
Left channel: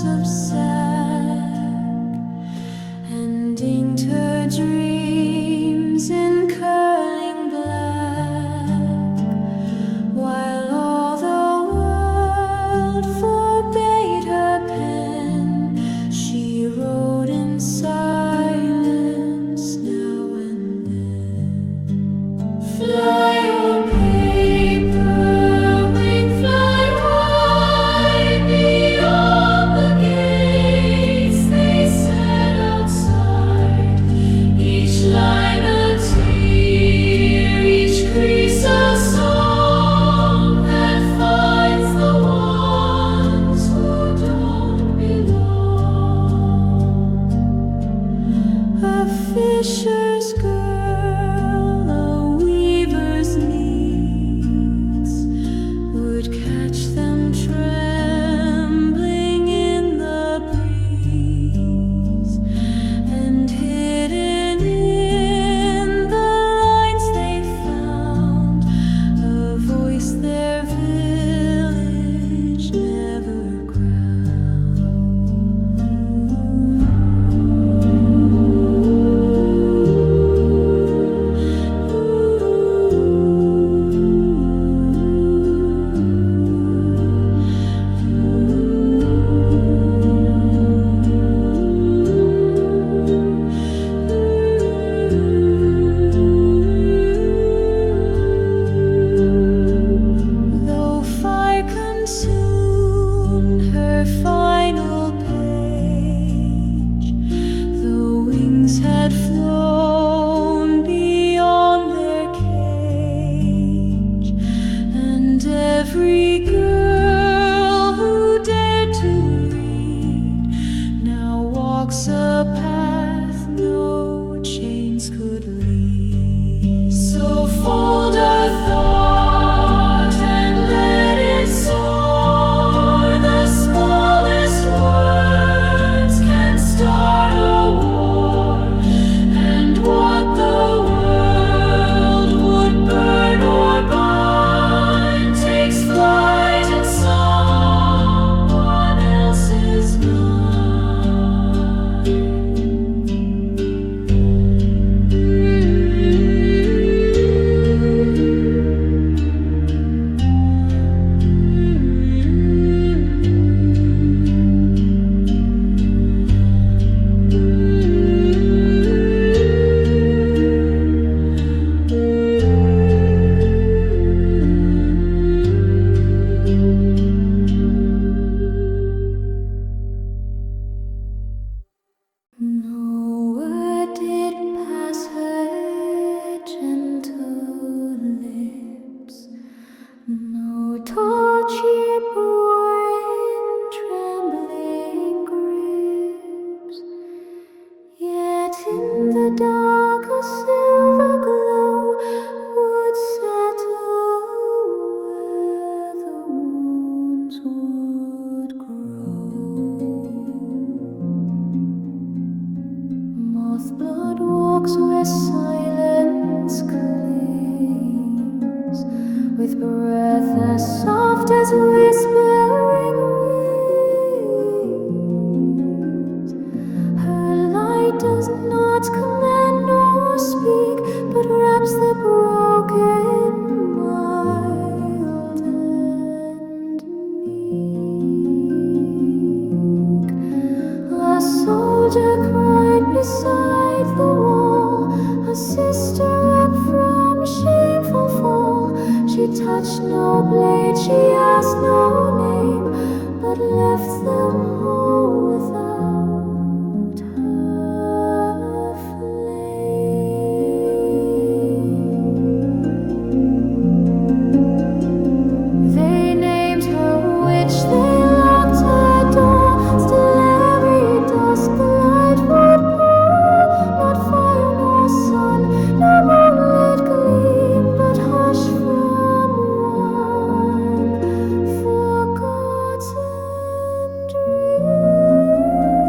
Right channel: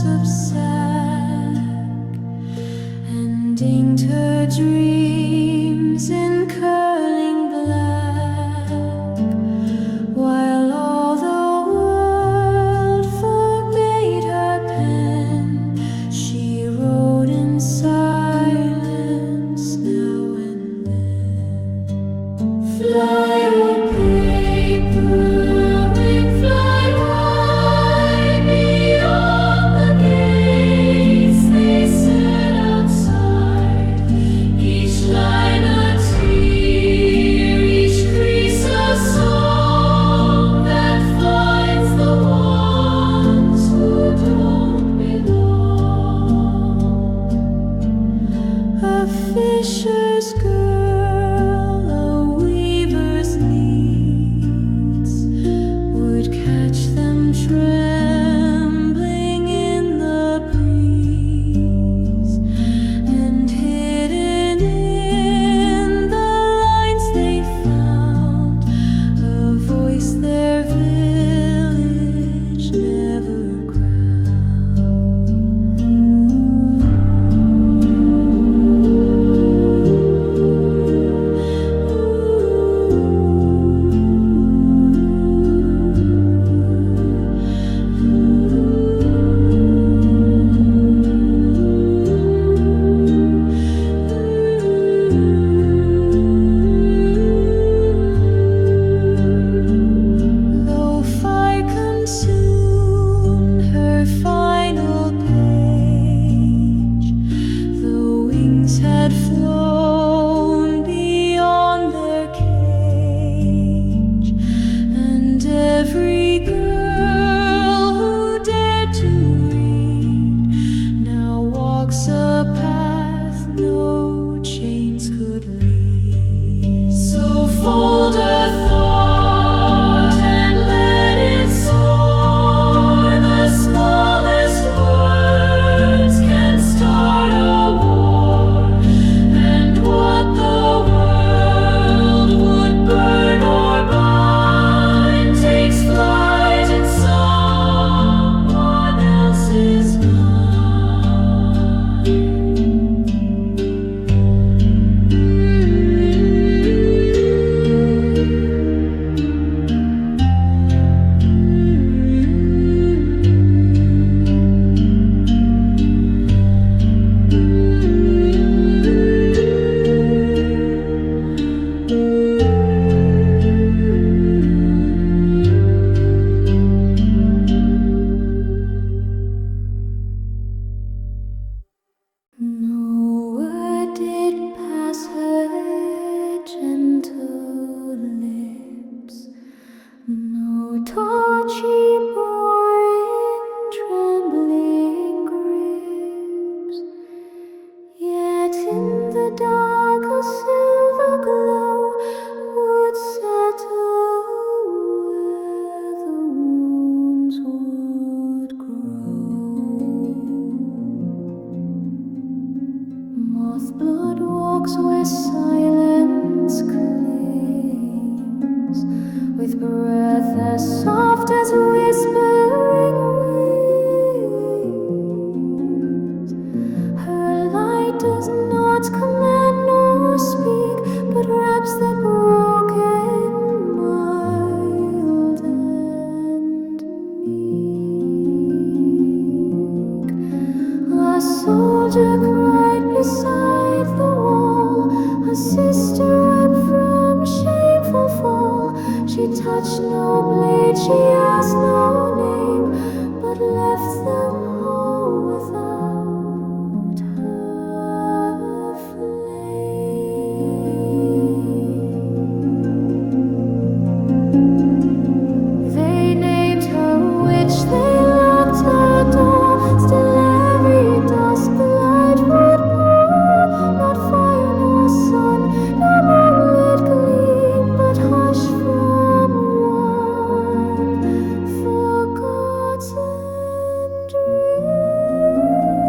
house of sack, and inked her dreams in curling black, while all the world forbade her pen. She wrote in silence now and then. Fly, O paperwing, fly wide beyond the gates they set outside. Each line a tear, each crease a song that finds the ones who don't belong. A fisher's girl, a weaver's needs, would catch them trembling in the breeze, and hidden in the lines they found a voice their village never though fire consumed her final page, the wings had flown beyond their cage, and every girl who dared to read now walks a path no chains could lead. So fold a thought and let it soar. The smallest words can start a war, and what the world would burn or bind takes flight in someone else's mind. No word did pass her gentle lips, no torch she bore in trembling grips. Yet in the dark a silver glow would settle where the wounds would grow. Mothblood walks where silence clings, with breath as soft as whispering wings. Her light does not command nor speak, but wraps the broken mild and meek. A soldier cried beside the wall, a sister wept from shameful fall. She touched no blade, she asked no name, but left them all without her flame. They named her witch, they locked her door. Still every dusk the light would pour. Not fire nor sun, no moonlit gleam, but hush from one forgotten dream.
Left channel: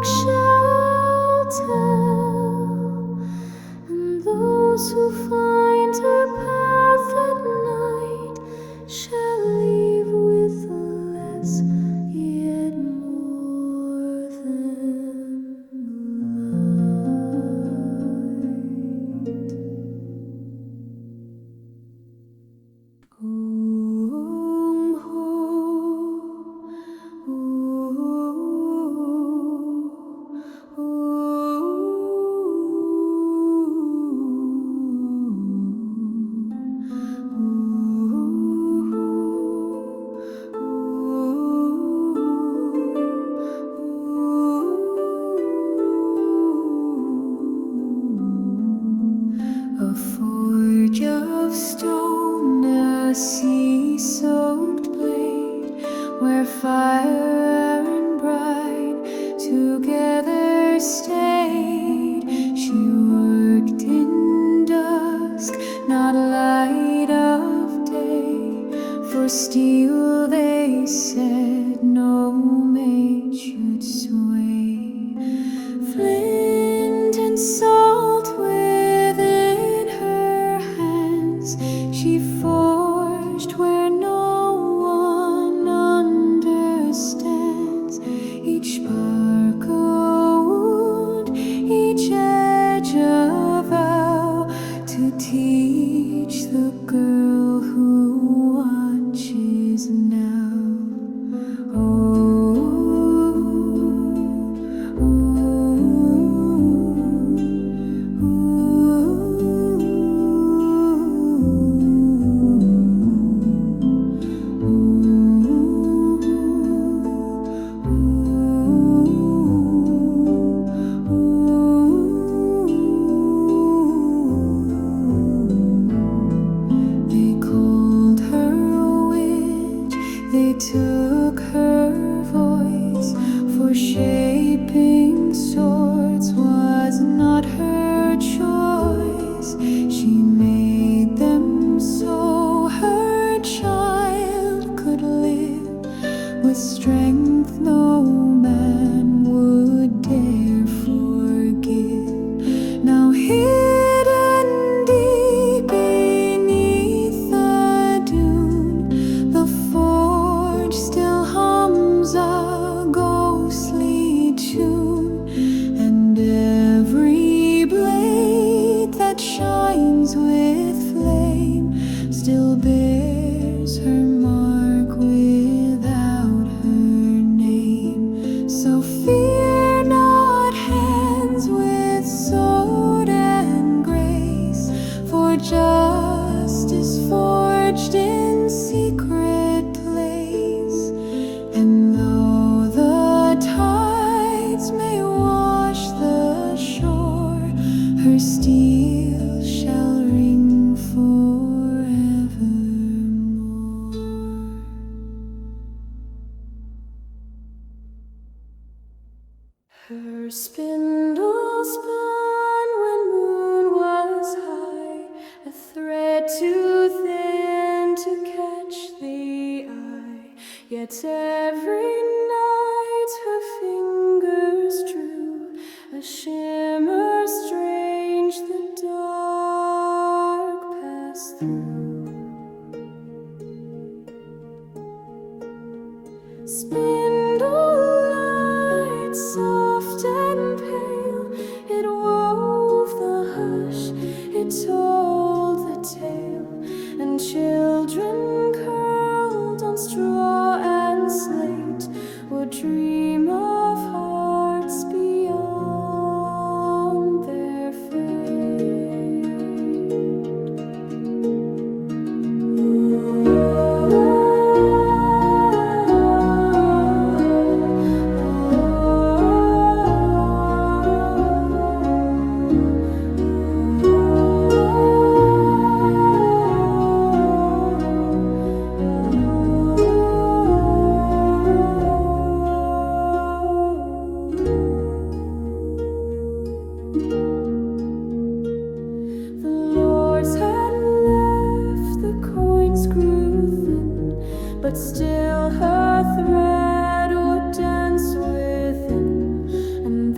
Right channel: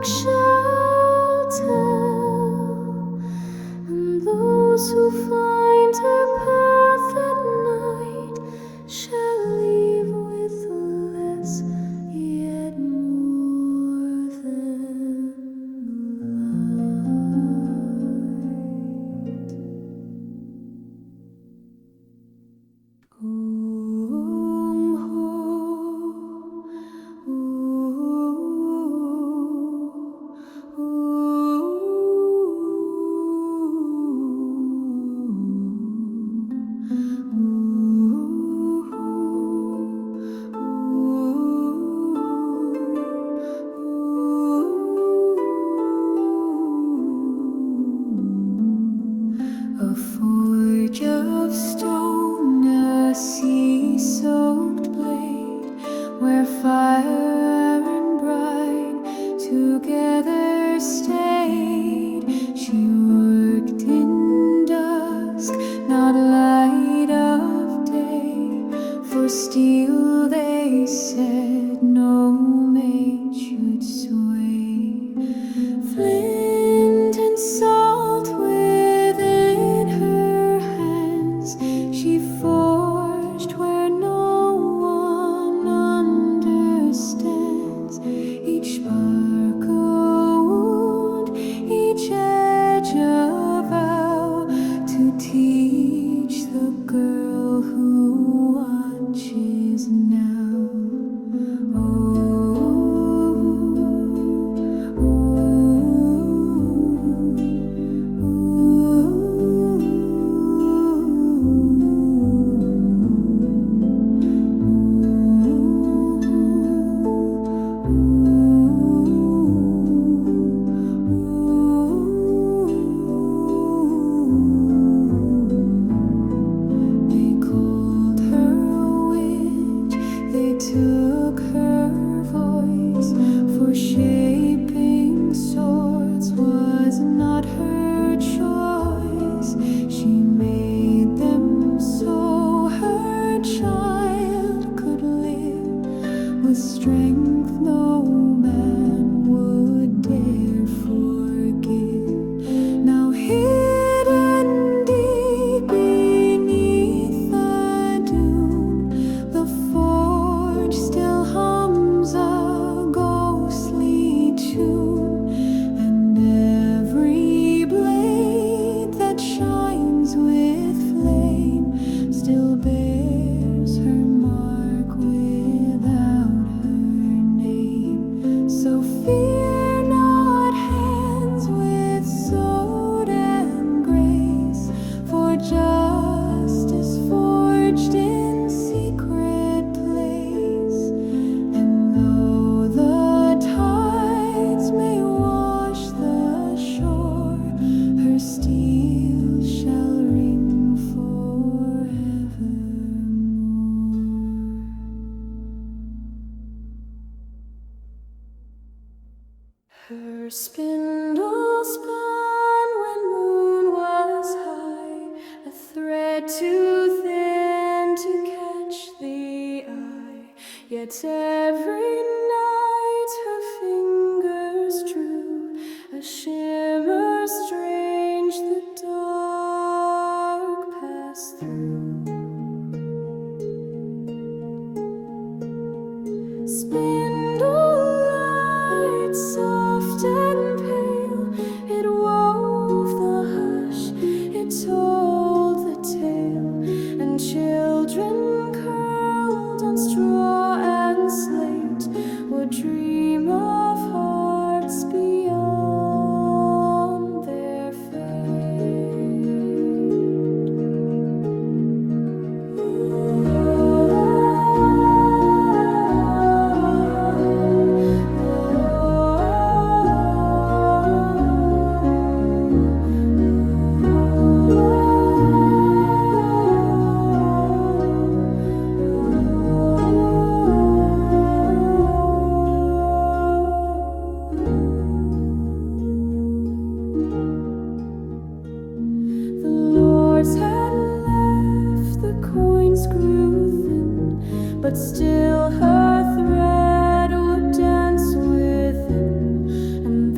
dark shall tell, and those who find her path at night shall leave with less, yet more than light. A forge of stone, a sea-soaked blade, where fire and brine together stayed. She worked in dusk, not light of day, for steel they said no mate should sway. Flint and salt within her hands, she forged where no one understands. Each spark a wound, each edge a vow, to teach the girl who watches now. They called her a witch, they took her voice, for shaping swords was not her choice. She made them so her child could live, with strength no man would dare forgive. Now hidden deep beneath the dune, the forge still hums a ghostly tune, and every blade that shines with flame still bears her mark without her name. So fear not hands with sword and grace, for justice forged in secret place. And though the tides may wash the shore, her steel shall ring forevermore. Her spindle spun when moon was high, a thread too thin to catch the eye. Yet every night her fingers drew a shimmer strange the dark passed through. Spindlelight, soft and pale, it wove the hush, it told the tale, and children curled on straw and slate would dream of hearts beyond their fate. But still her thread would dance within, and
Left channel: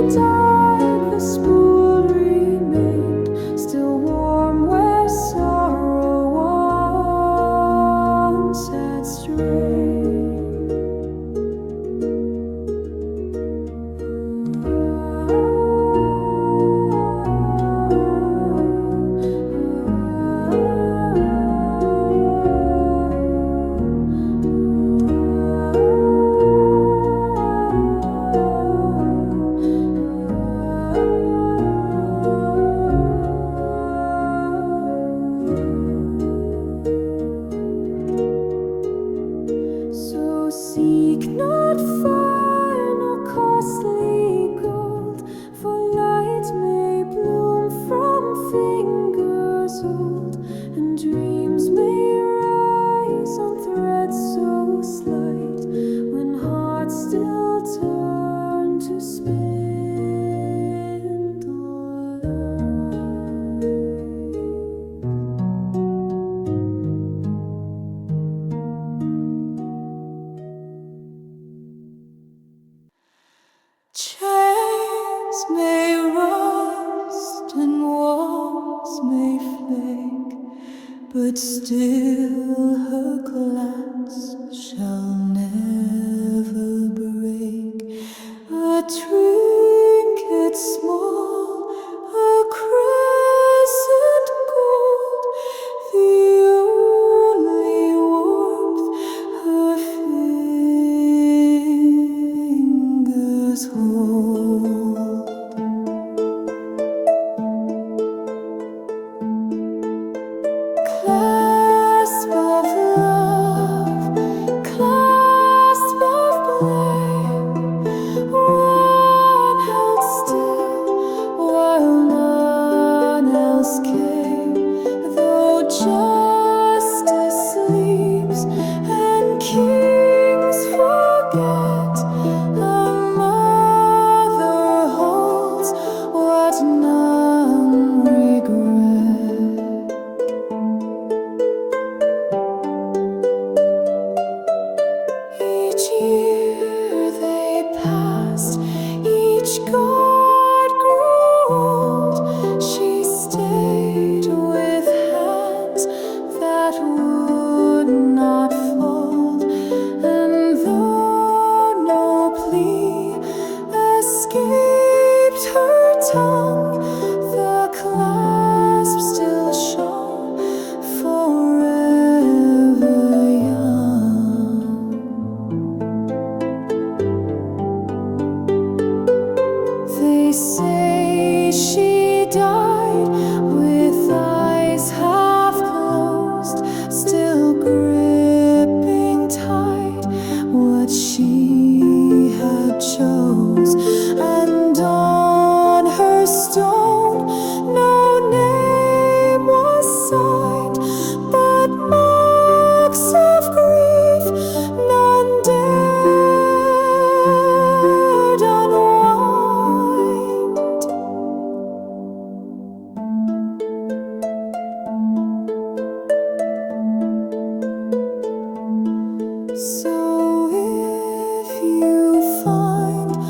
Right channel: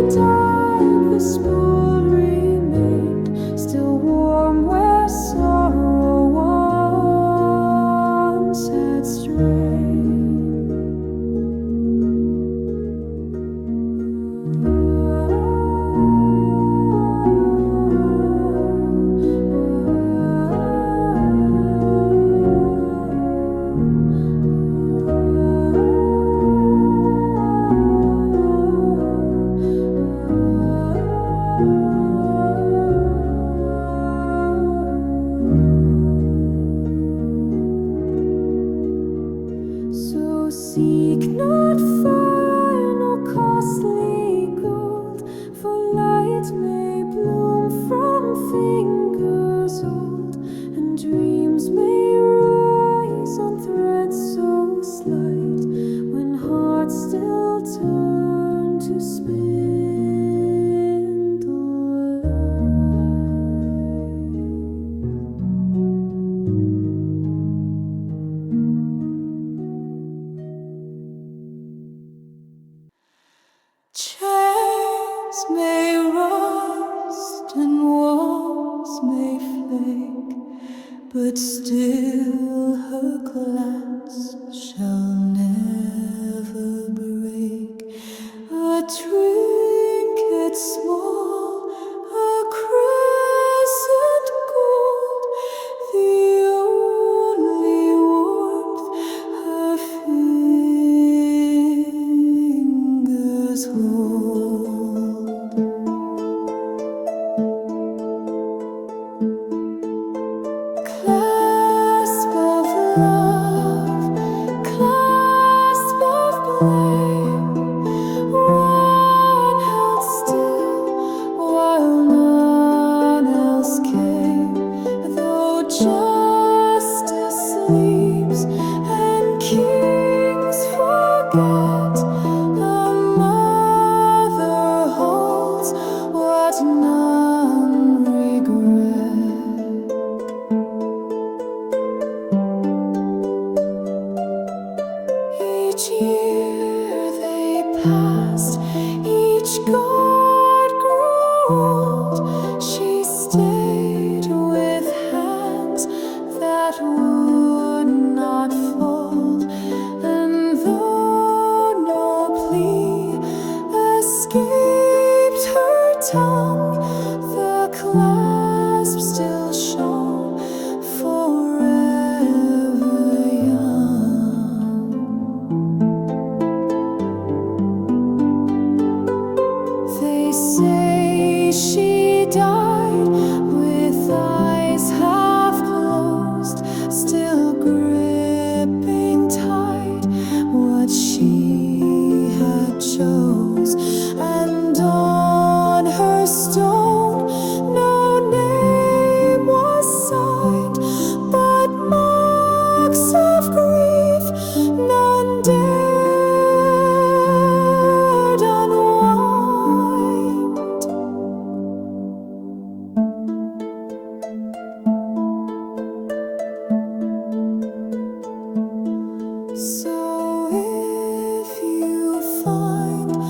died, the spool remained, still warm where sorrow once had strayed. So seek not fire nor costly gold, for light may bloom from fingers old, and dreams may rise on threads so slight, when hearts still turn to spindlelight. Chains may rust and walls may flake, but still her clasp shall never break. A trinket small, a crescent gold, the only warmth her fingers hold. Clasp of love, clasp of blame, one held still while none else came. Though justice sleeps and kings forget, a mother holds what none regret. Each year they passed, each god grew old. She stayed with hands that would not fold, and though no plea escaped her tongue, the clasp still shone forever young. They say she died with eyes half closed, still gripping tight what she had chose, and on her stone no name was signed, but marks of grief none dared unwind. So if you find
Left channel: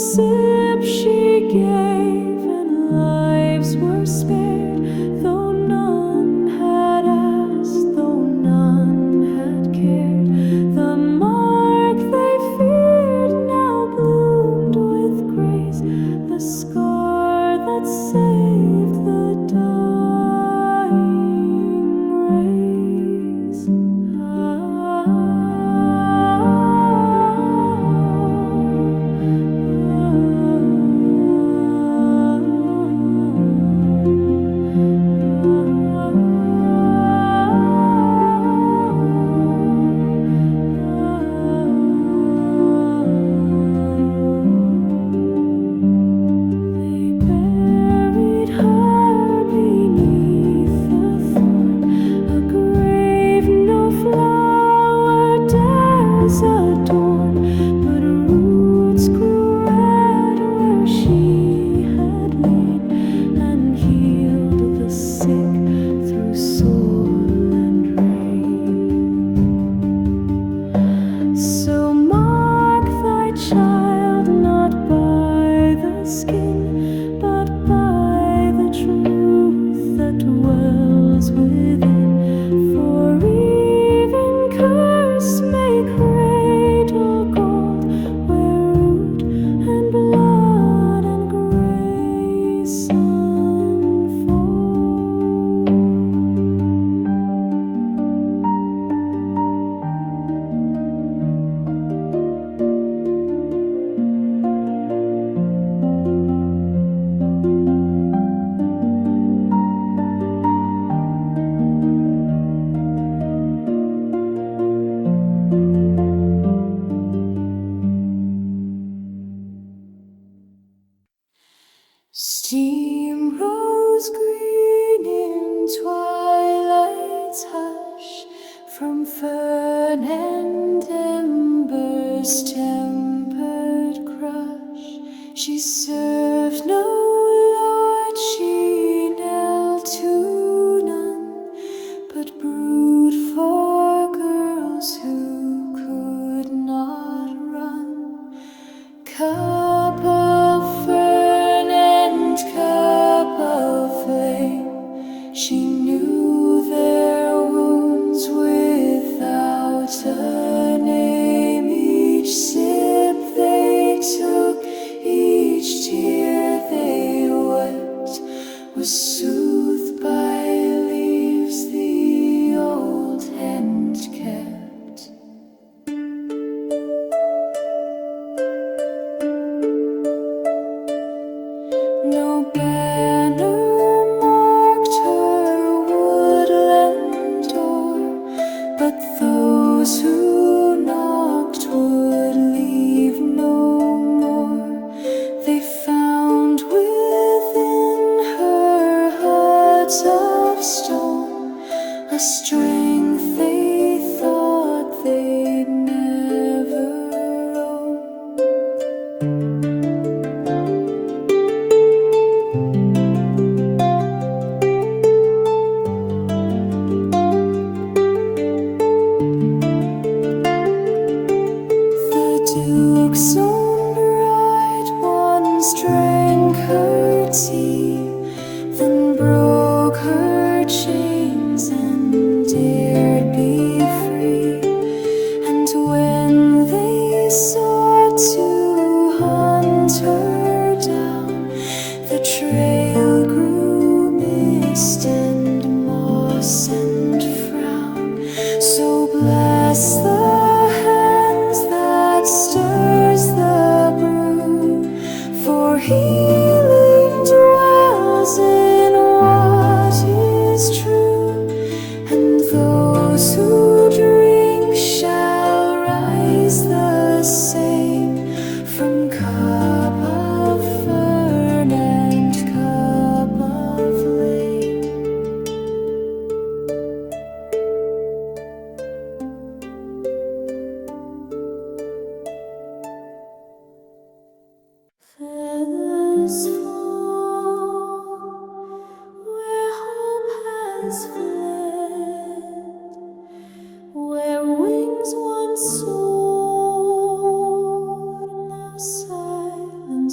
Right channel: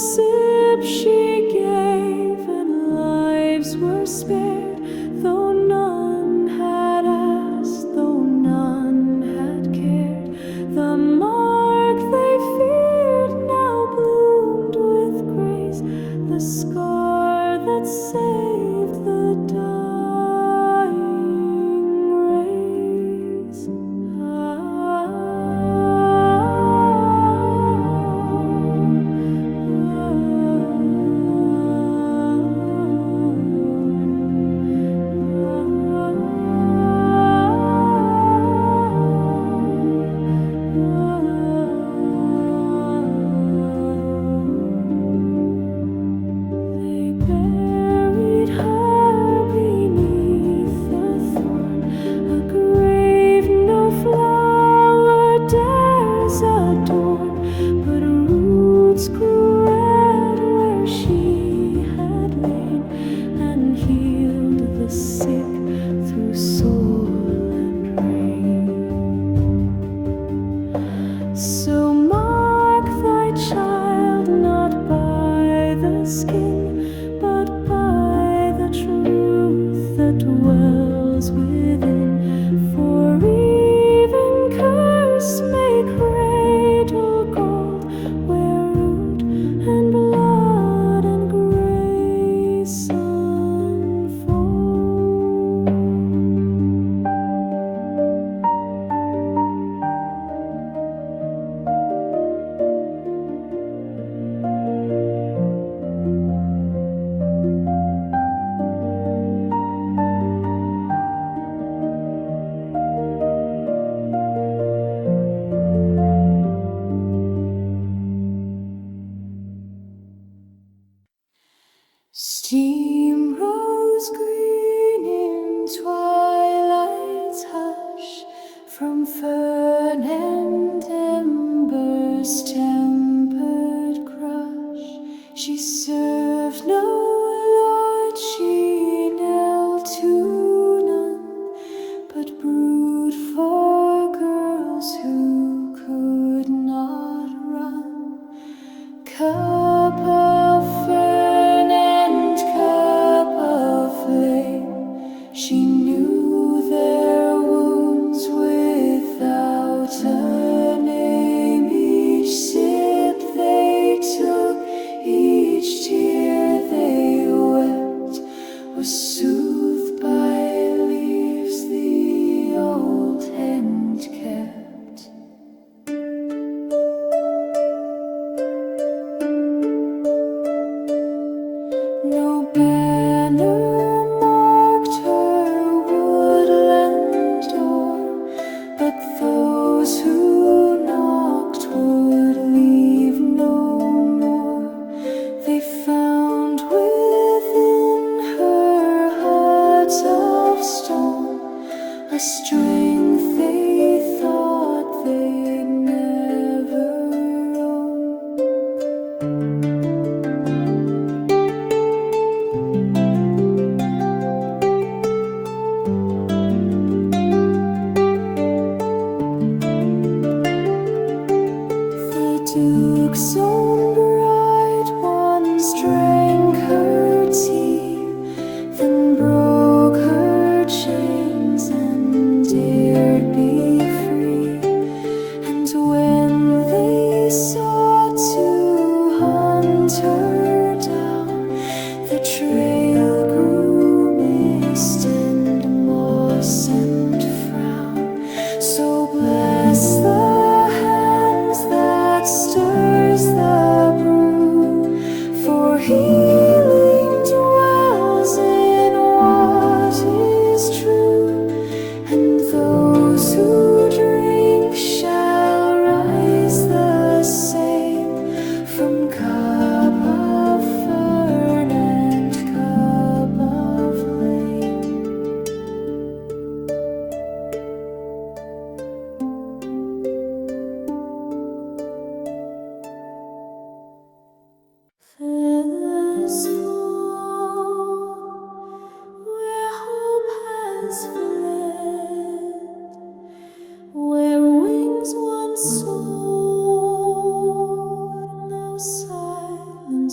sip she gave, and lives were spared, though none had asked, though none had cared. The mark they feared now bloomed with grace, the scar that saved the dying race. They buried her beneath the thorn, a grave no flower dares adorn, but roots grew red where she had lain, and healed the sick through soil and rain. So mark thy child not by the skin, but by the truth that dwells within. For even curse may cradle gold, where root and blood and grace unfold. Steam rose green in twilight's hush, from fern and embers tempered crush. She served no lord, she knelt to none, but brewed for girls who could not run. Cup of fern and cup of flame, she knew their wounds without a name. Each sip they took, each tear they wept, was soothed by leaves the old hand kept. No banner marked her woodland door, but those who knocked would leave no more. They found within her hut of stone a strength they thought they'd never own. The Duke's own bright ones drank her tea, then broke her chains and dared be free. And when they sought to hunt her down, the trail grew mist and moss and frown. So bless the hands that stirs the brew, for healing dwells in what is true, and those who drink shall rise the same from cup of fern and cup of flame. Feathers fall where hope has fled, where wings once soared, now silent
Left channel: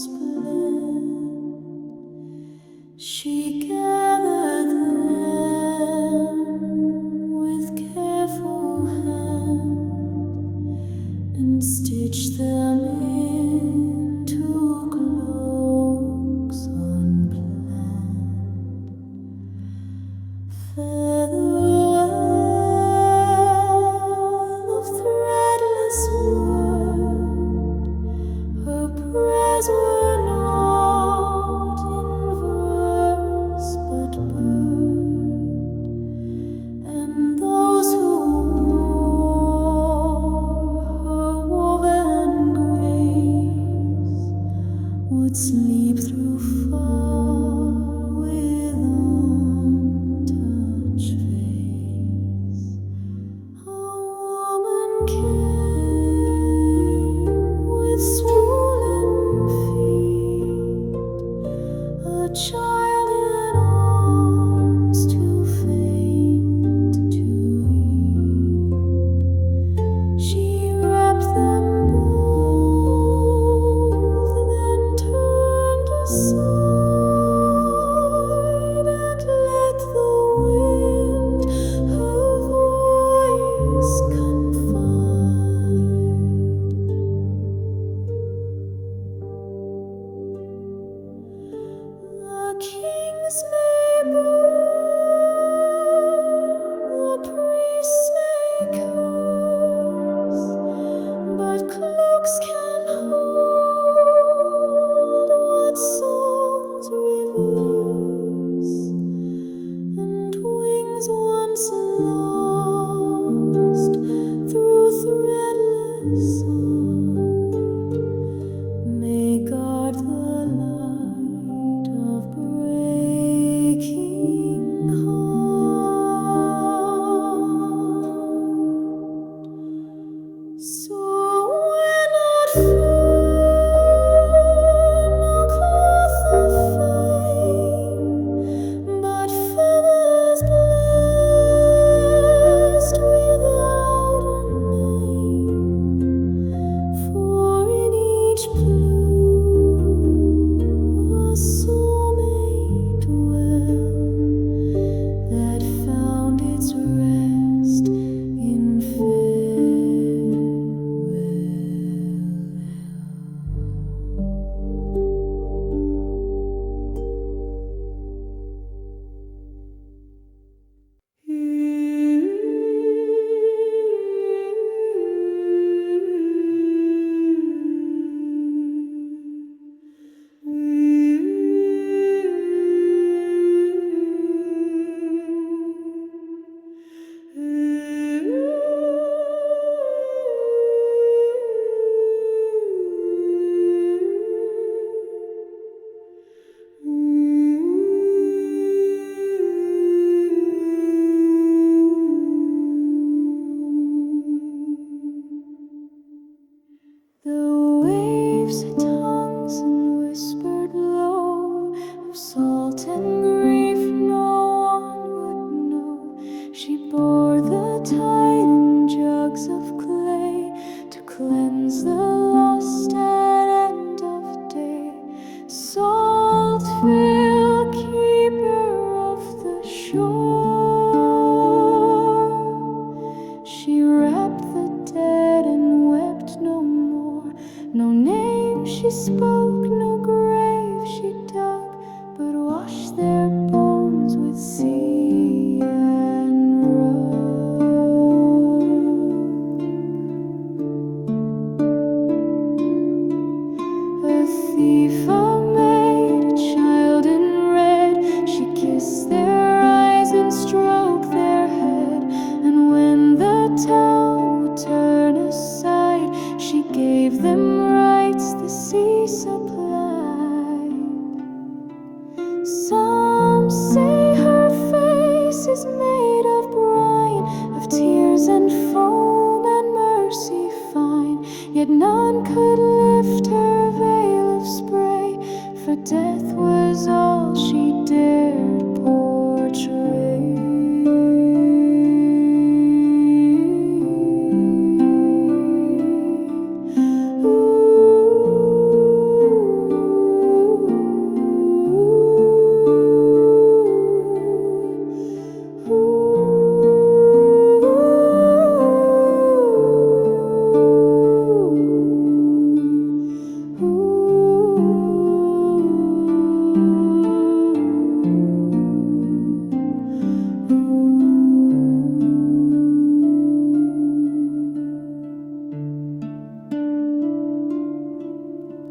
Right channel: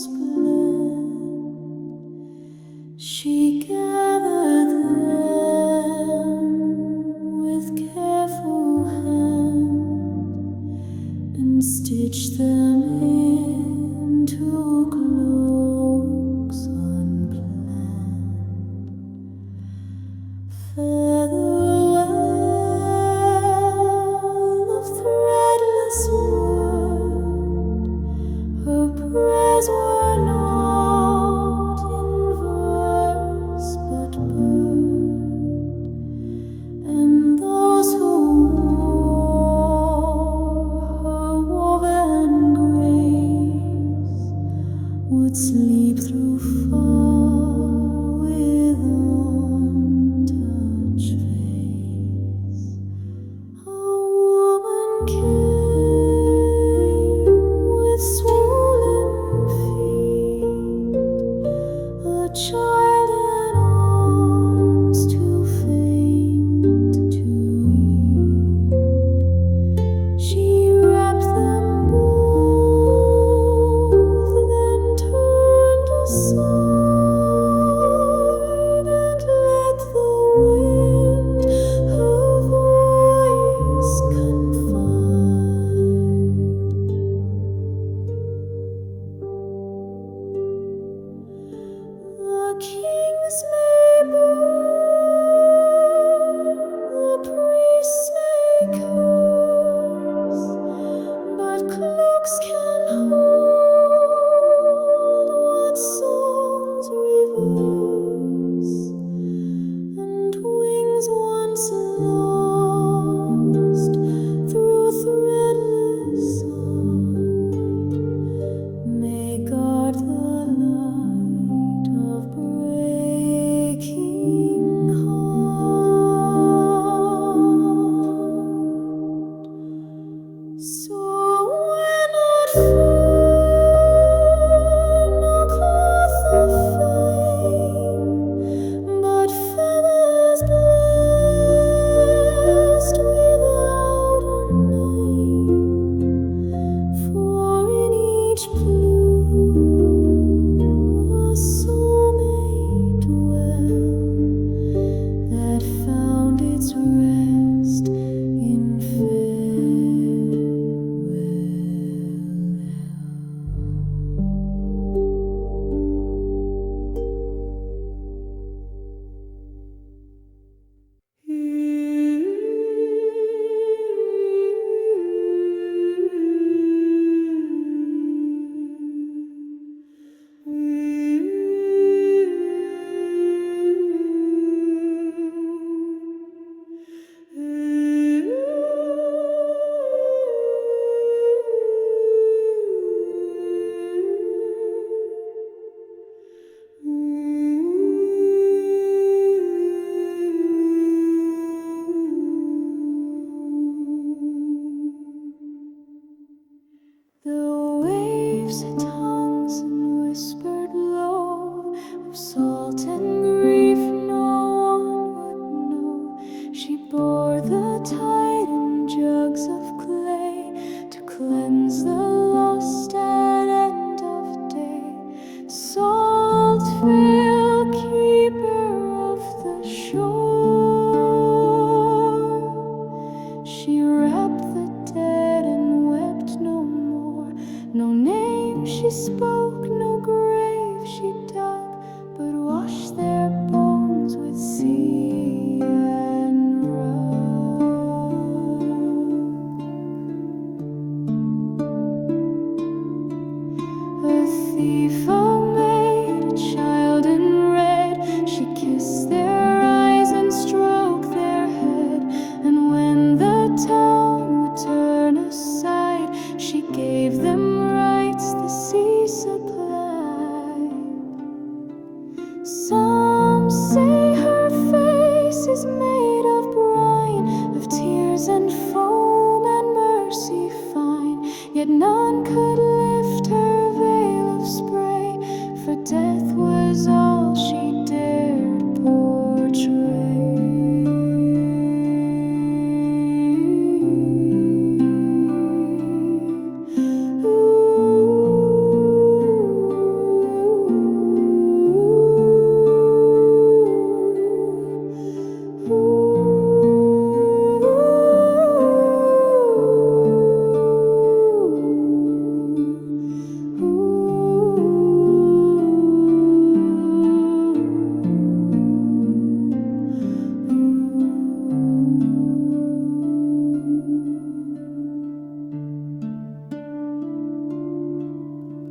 She gathered them with careful hand and stitched them into cloaks unplanned. Featherwell of threadless wood, her prayers were not in verse but bird, and those who wore her woven grace would sleep through far with untouched face. A woman came with swollen feet, a child in arms too faint to eat. She wrapped them both, then turned aside and let the wind her voice confide. The kings may burn, the priests may curse, but cloaks can hold what songs reverse, and wings once lost through threadless art may guard the light of breaking heart. So when at Fern no cloth of fame, but feathers blessed without a name, for in each plume a soul may dwell that found its rest in The waves had tongues and whispered low of salt and grief no one would know. She bore the tide in jugs of clay to cleanse the lost at end of day. Saltveil, keeper of the shore, she wrapped the dead and wept no more. No name she spoke, no grave she dug, but washed their bones with sea and rug. A thief, a maid, a child in red, she kissed their eyes and stroked their head, and when the town would turn aside, she gave them rights the sea supplied. Some say her face is made of brine, of tears and foam and mercy fine, yet none could lift her veil of spray, for death was all she dared portray. Ooh.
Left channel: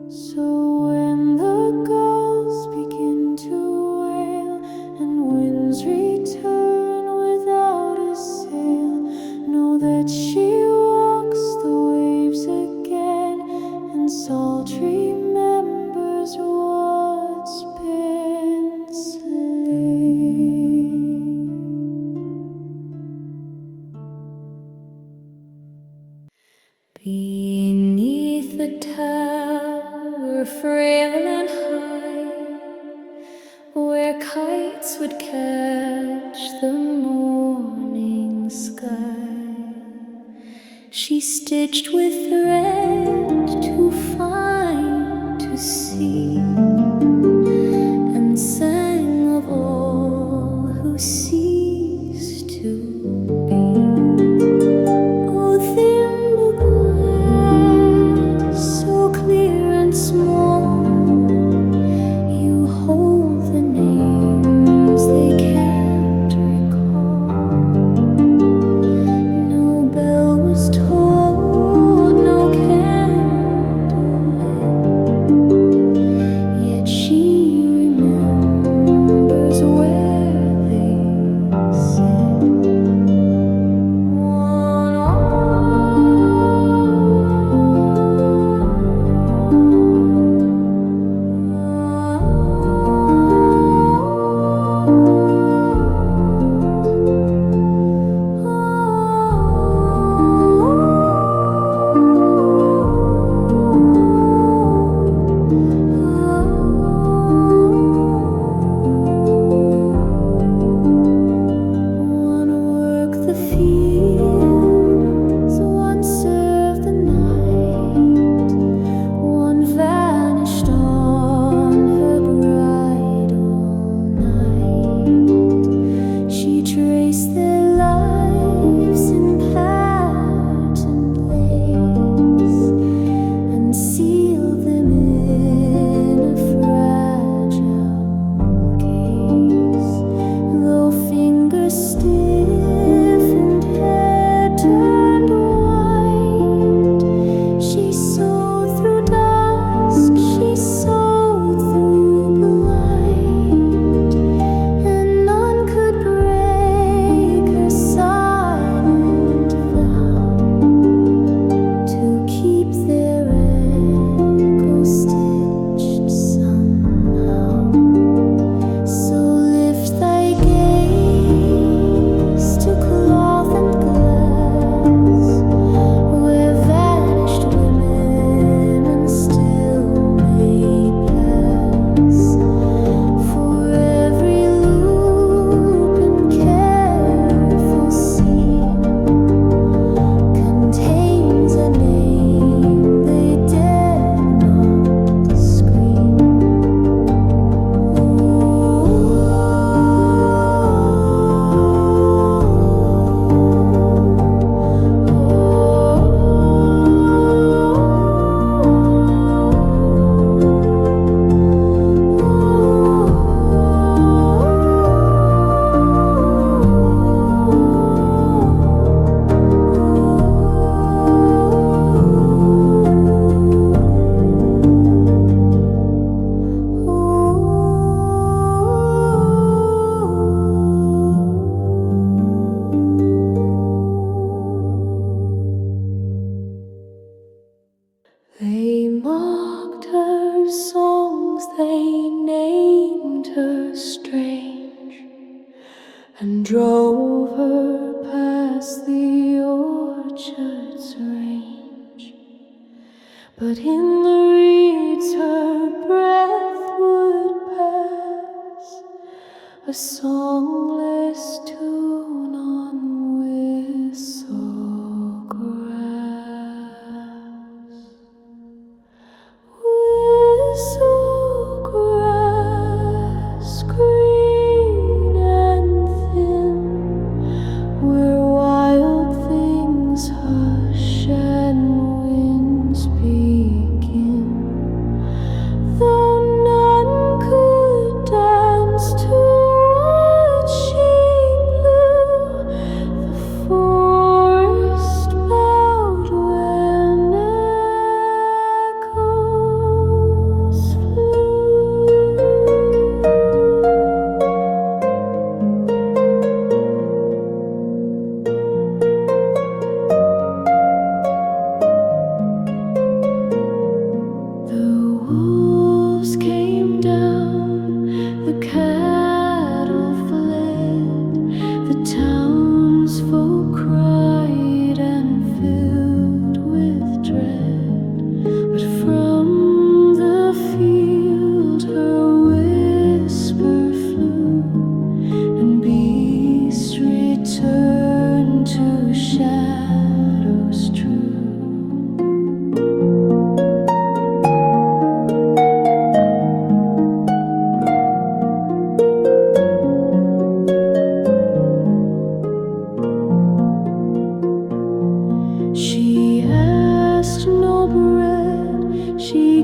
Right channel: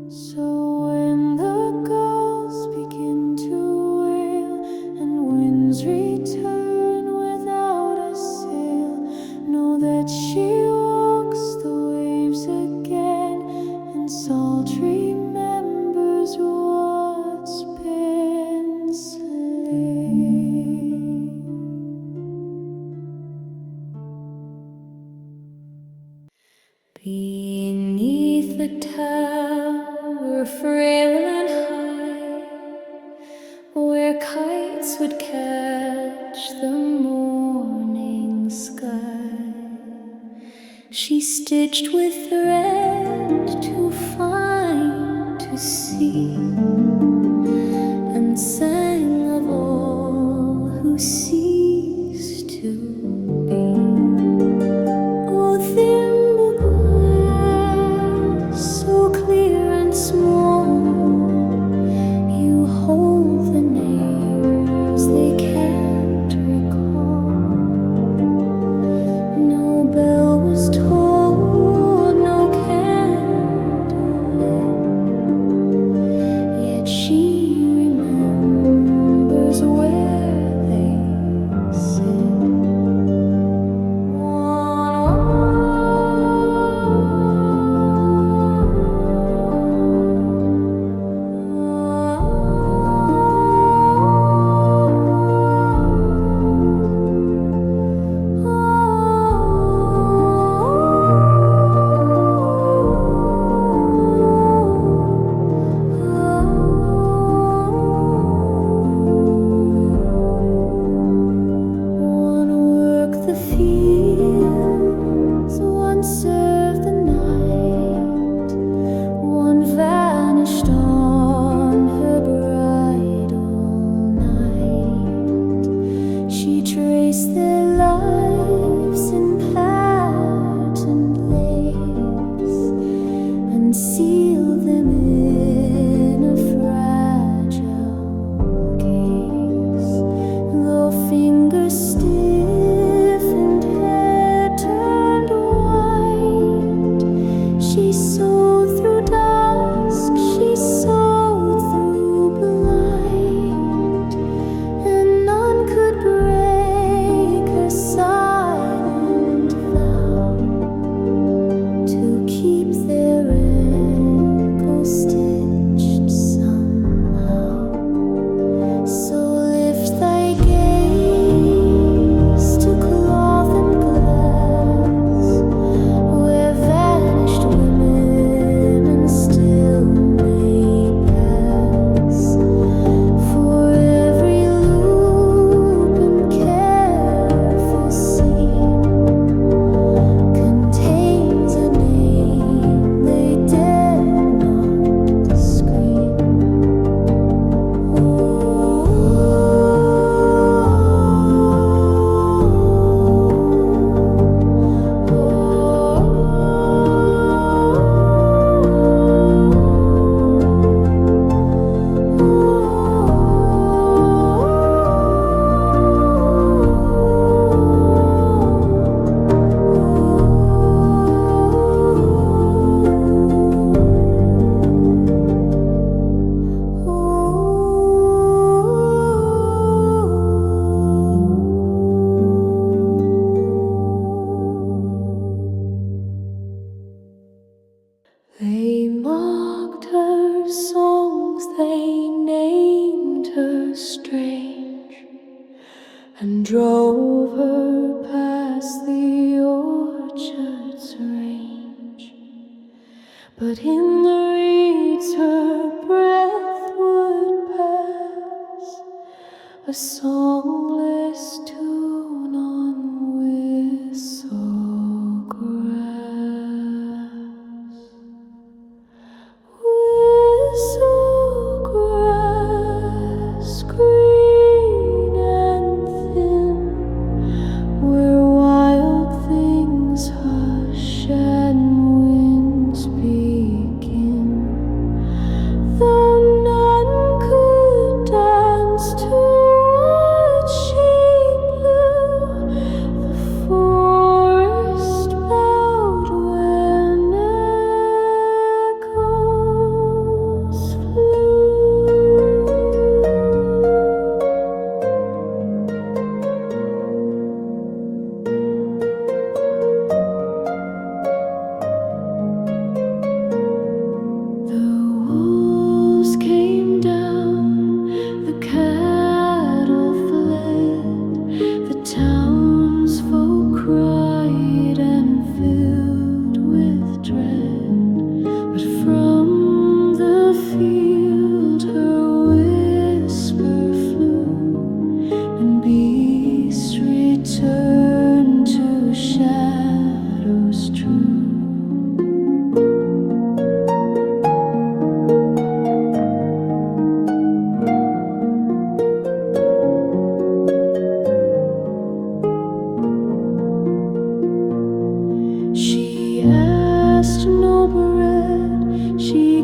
So when the gulls begin to wail and winds return without a sail, know that she walks the waves again, and Salt remembers what's been slain. Beneath the tower, frail and high, where kites would catch the morning sky, she stitched with thread too fine to see, and sang of all who cease to be. Oh, Thimbleglass, so clear and small, you hold the names they can't recall. No bell was tolled, no candle lit, yet she remembers where they sit. They mocked her songs, they named her strange, and drove her past the orchard's range. But in the reeds her breath would pass, a songless tune on Whistlegrass. Whistlegrass, green and thin, where wild things hush and winds begin. Though none could dance to what she blew,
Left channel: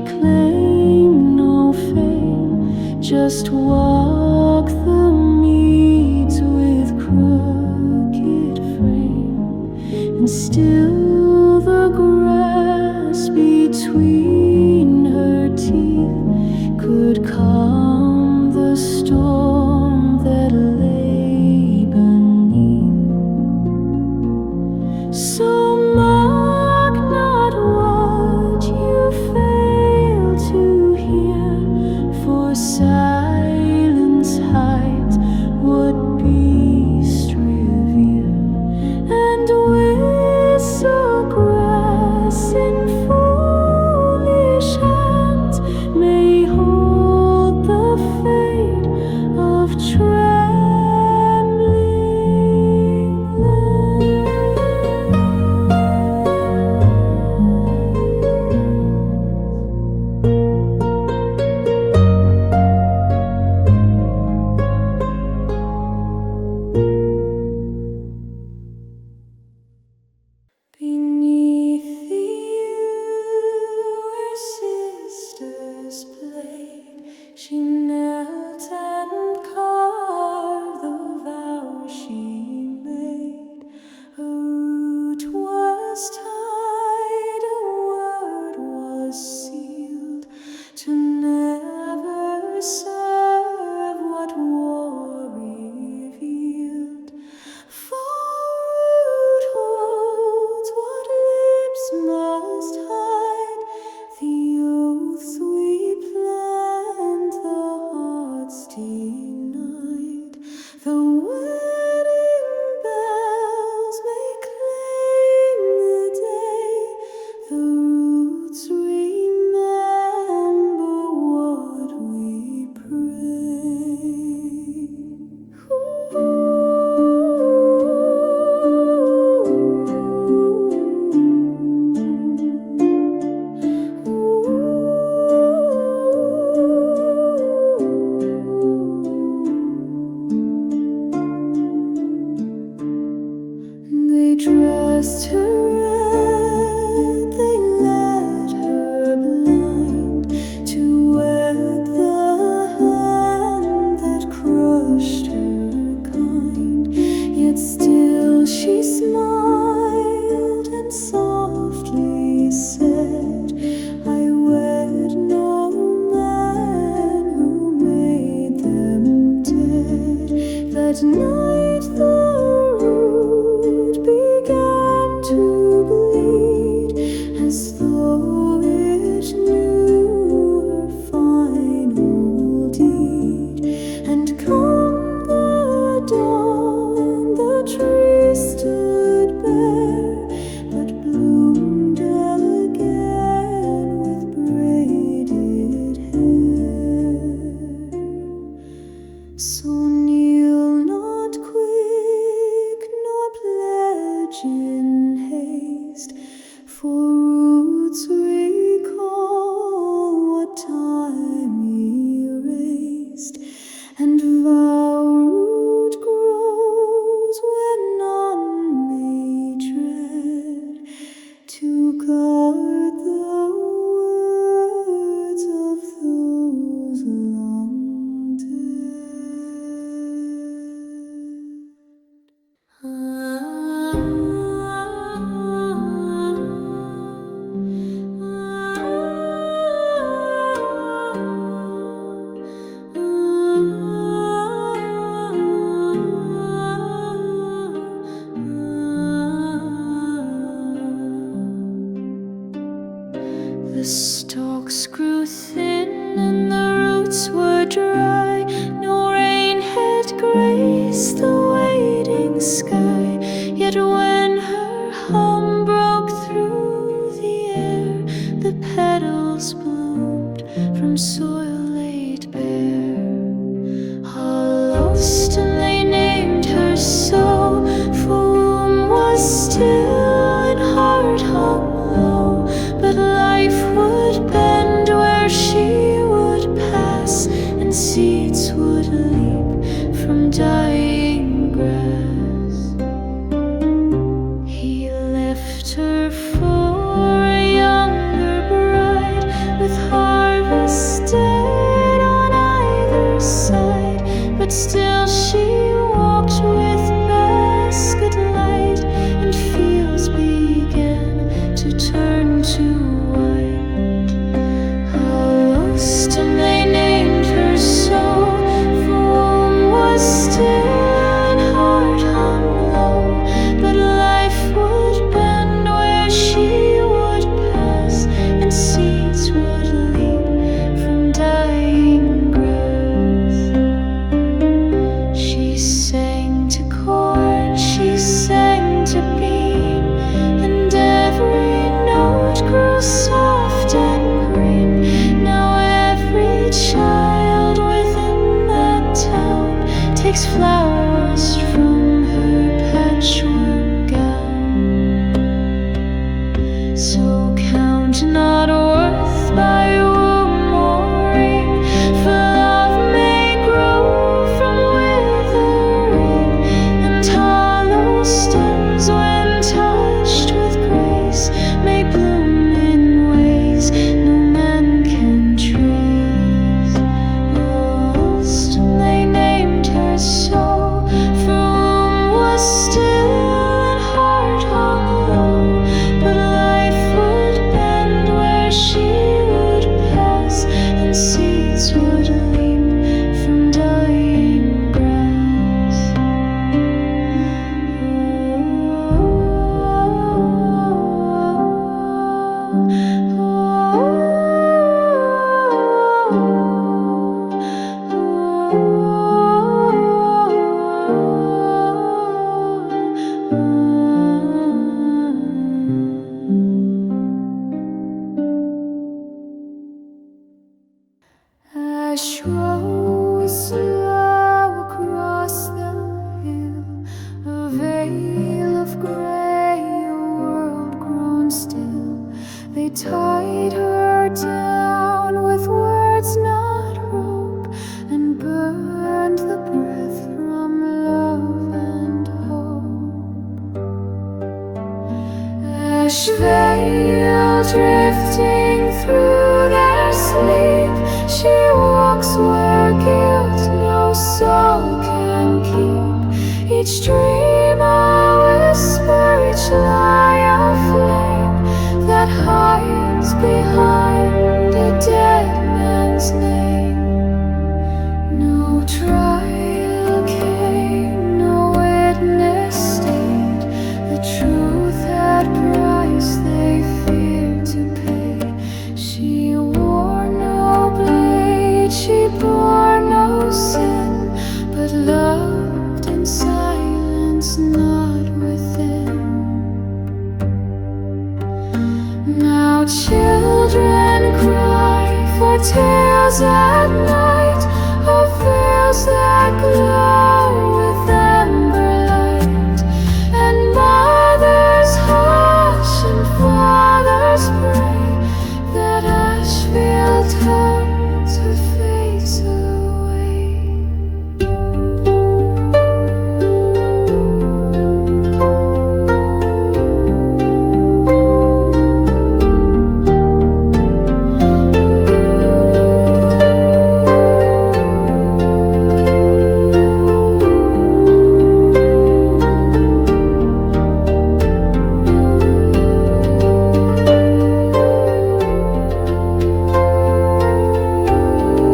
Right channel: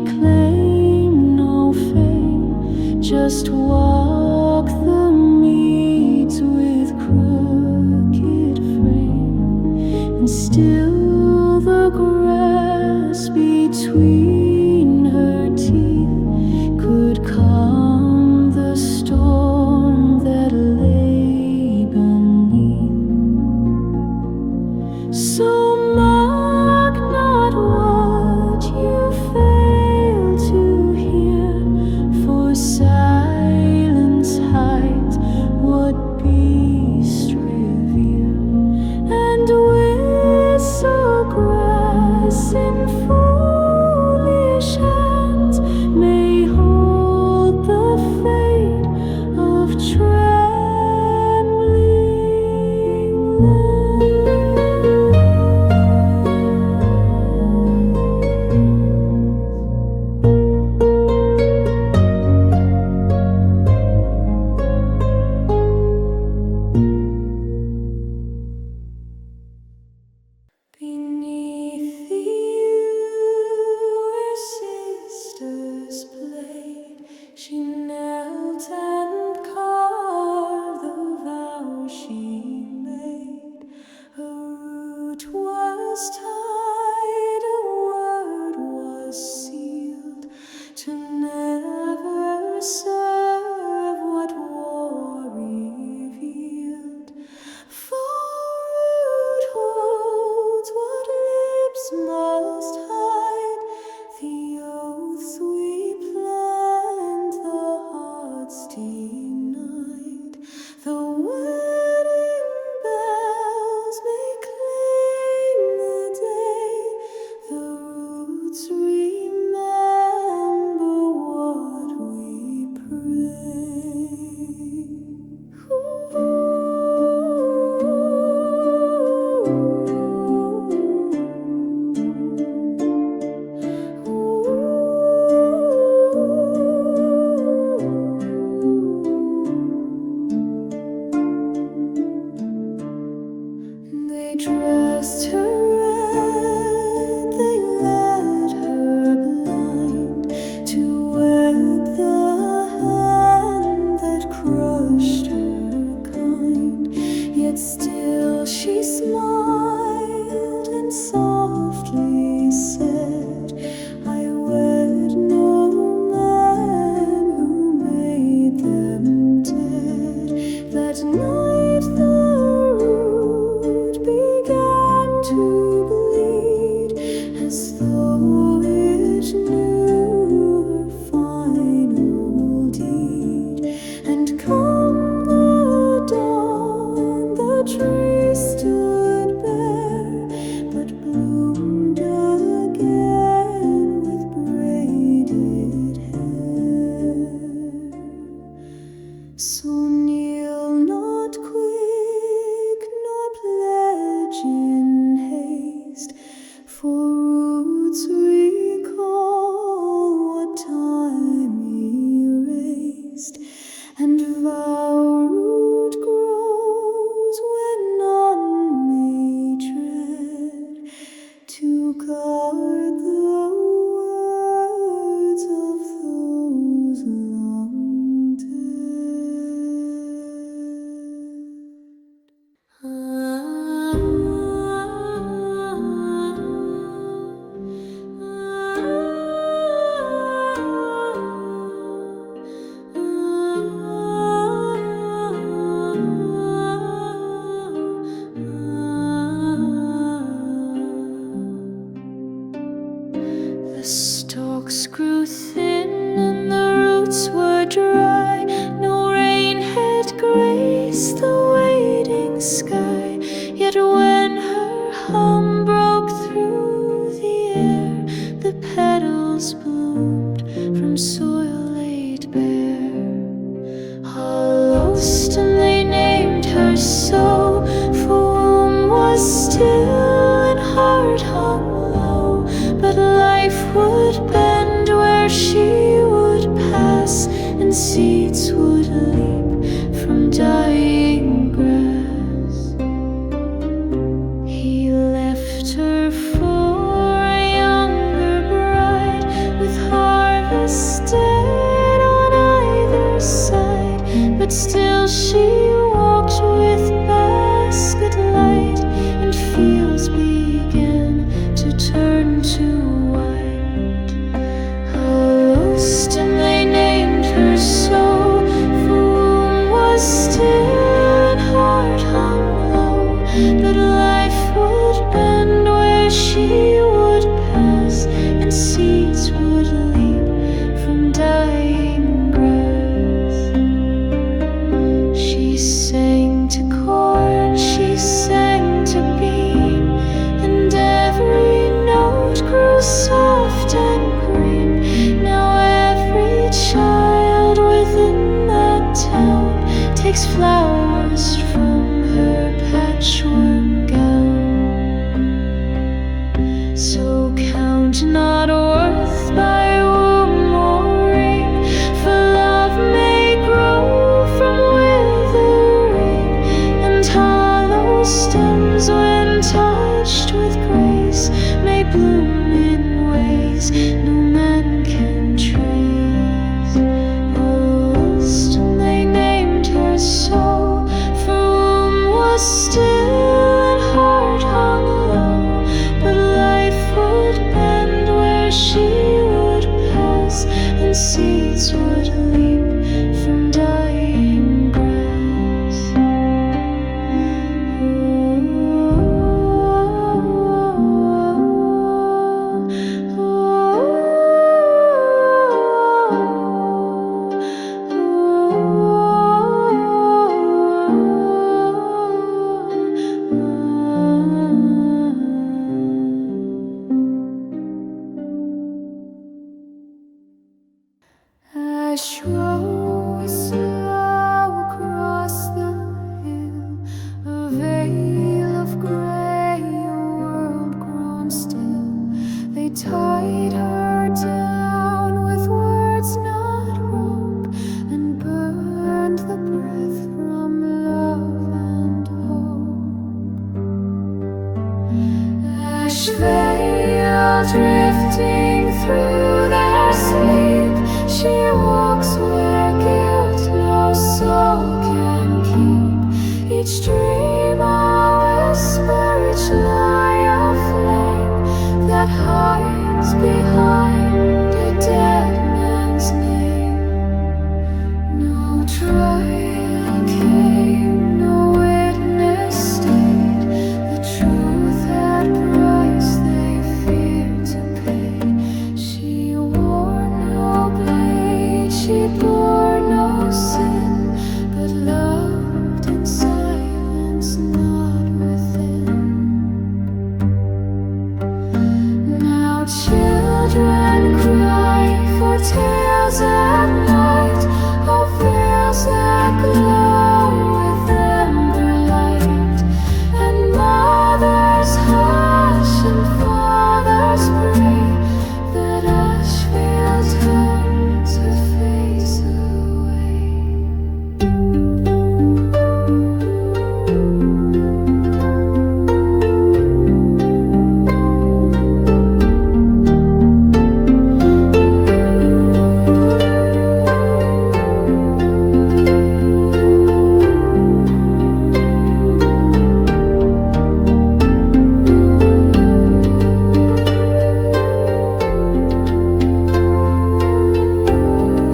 claim no fame, just walk the meads with crooked frame, and still the grass between her teeth could calm the storm that lay beneath. So mark not what you fail to hear, for silence hides what beast revere, and whistlegrass in foolish hands may hold the fate of trembling land. Beneath the yew where sisters played, she knelt and carved the vow she made. A root was tied, a word was sealed, to never serve what war revealed. Vowroot holds what lips must hide, the oaths we planned, the hearts denied. The wedding bells may cling the day, the roots remember what we pray. They dressed her red, they led her blind to wed the hand that crushed her kind. Yet still she smiled and softly said, I wed no man who made them dead. That night the root began to bleed, as though it knew her final deed. And come the dawn, the tree stood bare, but bloomed again with braided hair. So kneel not quick, nor pledge in haste, for roots recall what time erased, and Vowroot grows when none may tread, to guard the words of those long dead. The stalks grew thin and the roots were dry, no rain had graced the waiting sky. Yet when her hum broke through the air, the petals bloomed from soil laid bare. Hollowstem they named her so, for womb was still and heart hung low. But life would bend where she would pass, and seeds would leap from dying grass. He left her for a younger bride, with harvest dead on either side, but still she walked with basket light, and fields began to turn to white. Hollowstem they named her so, for womb was still and heart hung low, but life would bend where she would pass, and seeds would leap from dying grass. She sang to corn, she sang to bean, and every note grew soft and green. Now every child within that town takes flowers from her patchwork gown. So count not worth by womb or ring, for love may grow from withering, and hollow stems when touched with grace may bloom in ways no man can trace. Hollowstem they named her so, for womb was still and heart hung low, but life would bend where she would pass, and seeds would leap from dying grass. Ashveil is slow across the hill, a veil of grey, a world grown still. They tied her down with words not rope, and burned the breath from love and hope. Ashveil drifting through their sleep, she walks where guilt no soul can keep. Each dream a whisper, each lie a flame that hides behind a dead man's name. No trial came, no witness stayed. The truth had price they feared to pay. She wore no blade, she bore no sin, but loved in silence, not within. Now children cry for tales at night, of veils that glow with amber light, and mothers hush and fathers pray that Ashveil turns her face away.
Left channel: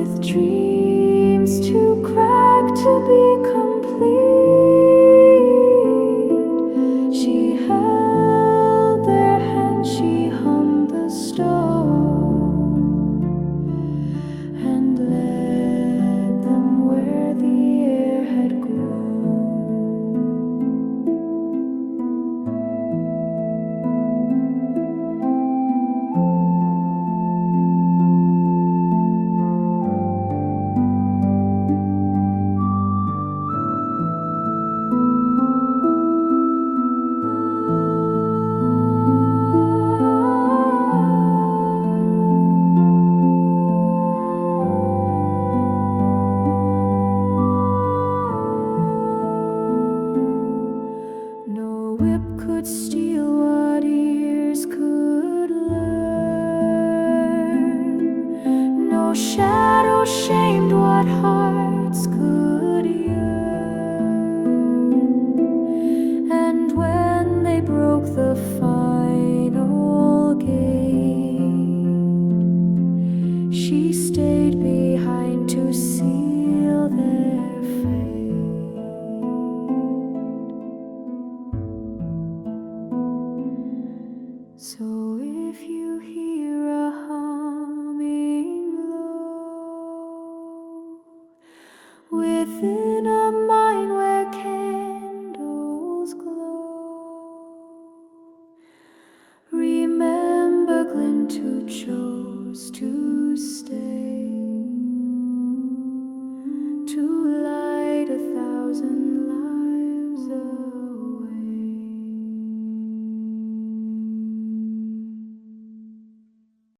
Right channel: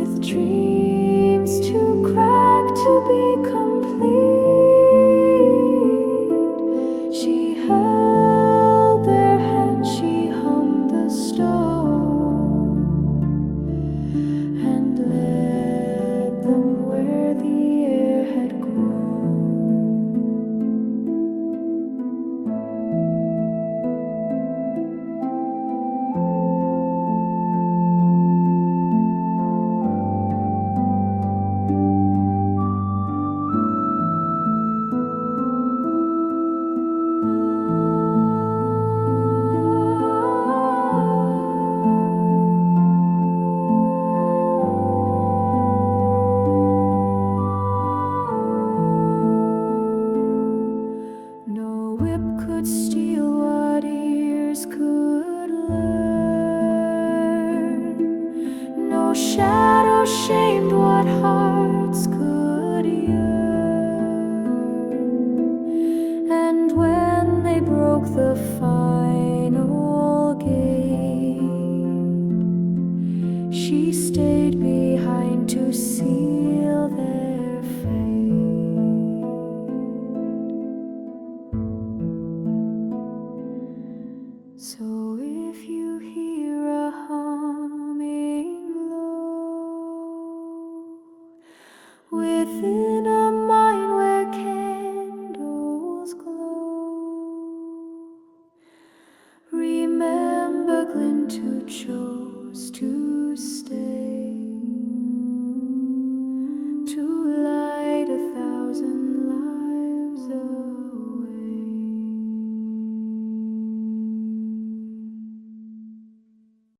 with dreams too cracked to be complete. She held their hands, she hummed the stone, and led them where the air had grown. No whip could steal what ears could learn. No shadow shamed what hearts could yearn. And when they broke the final gate, she stayed behind to seal their fate. So if you hear a humming low within a mine where candles glow, remember Glint who chose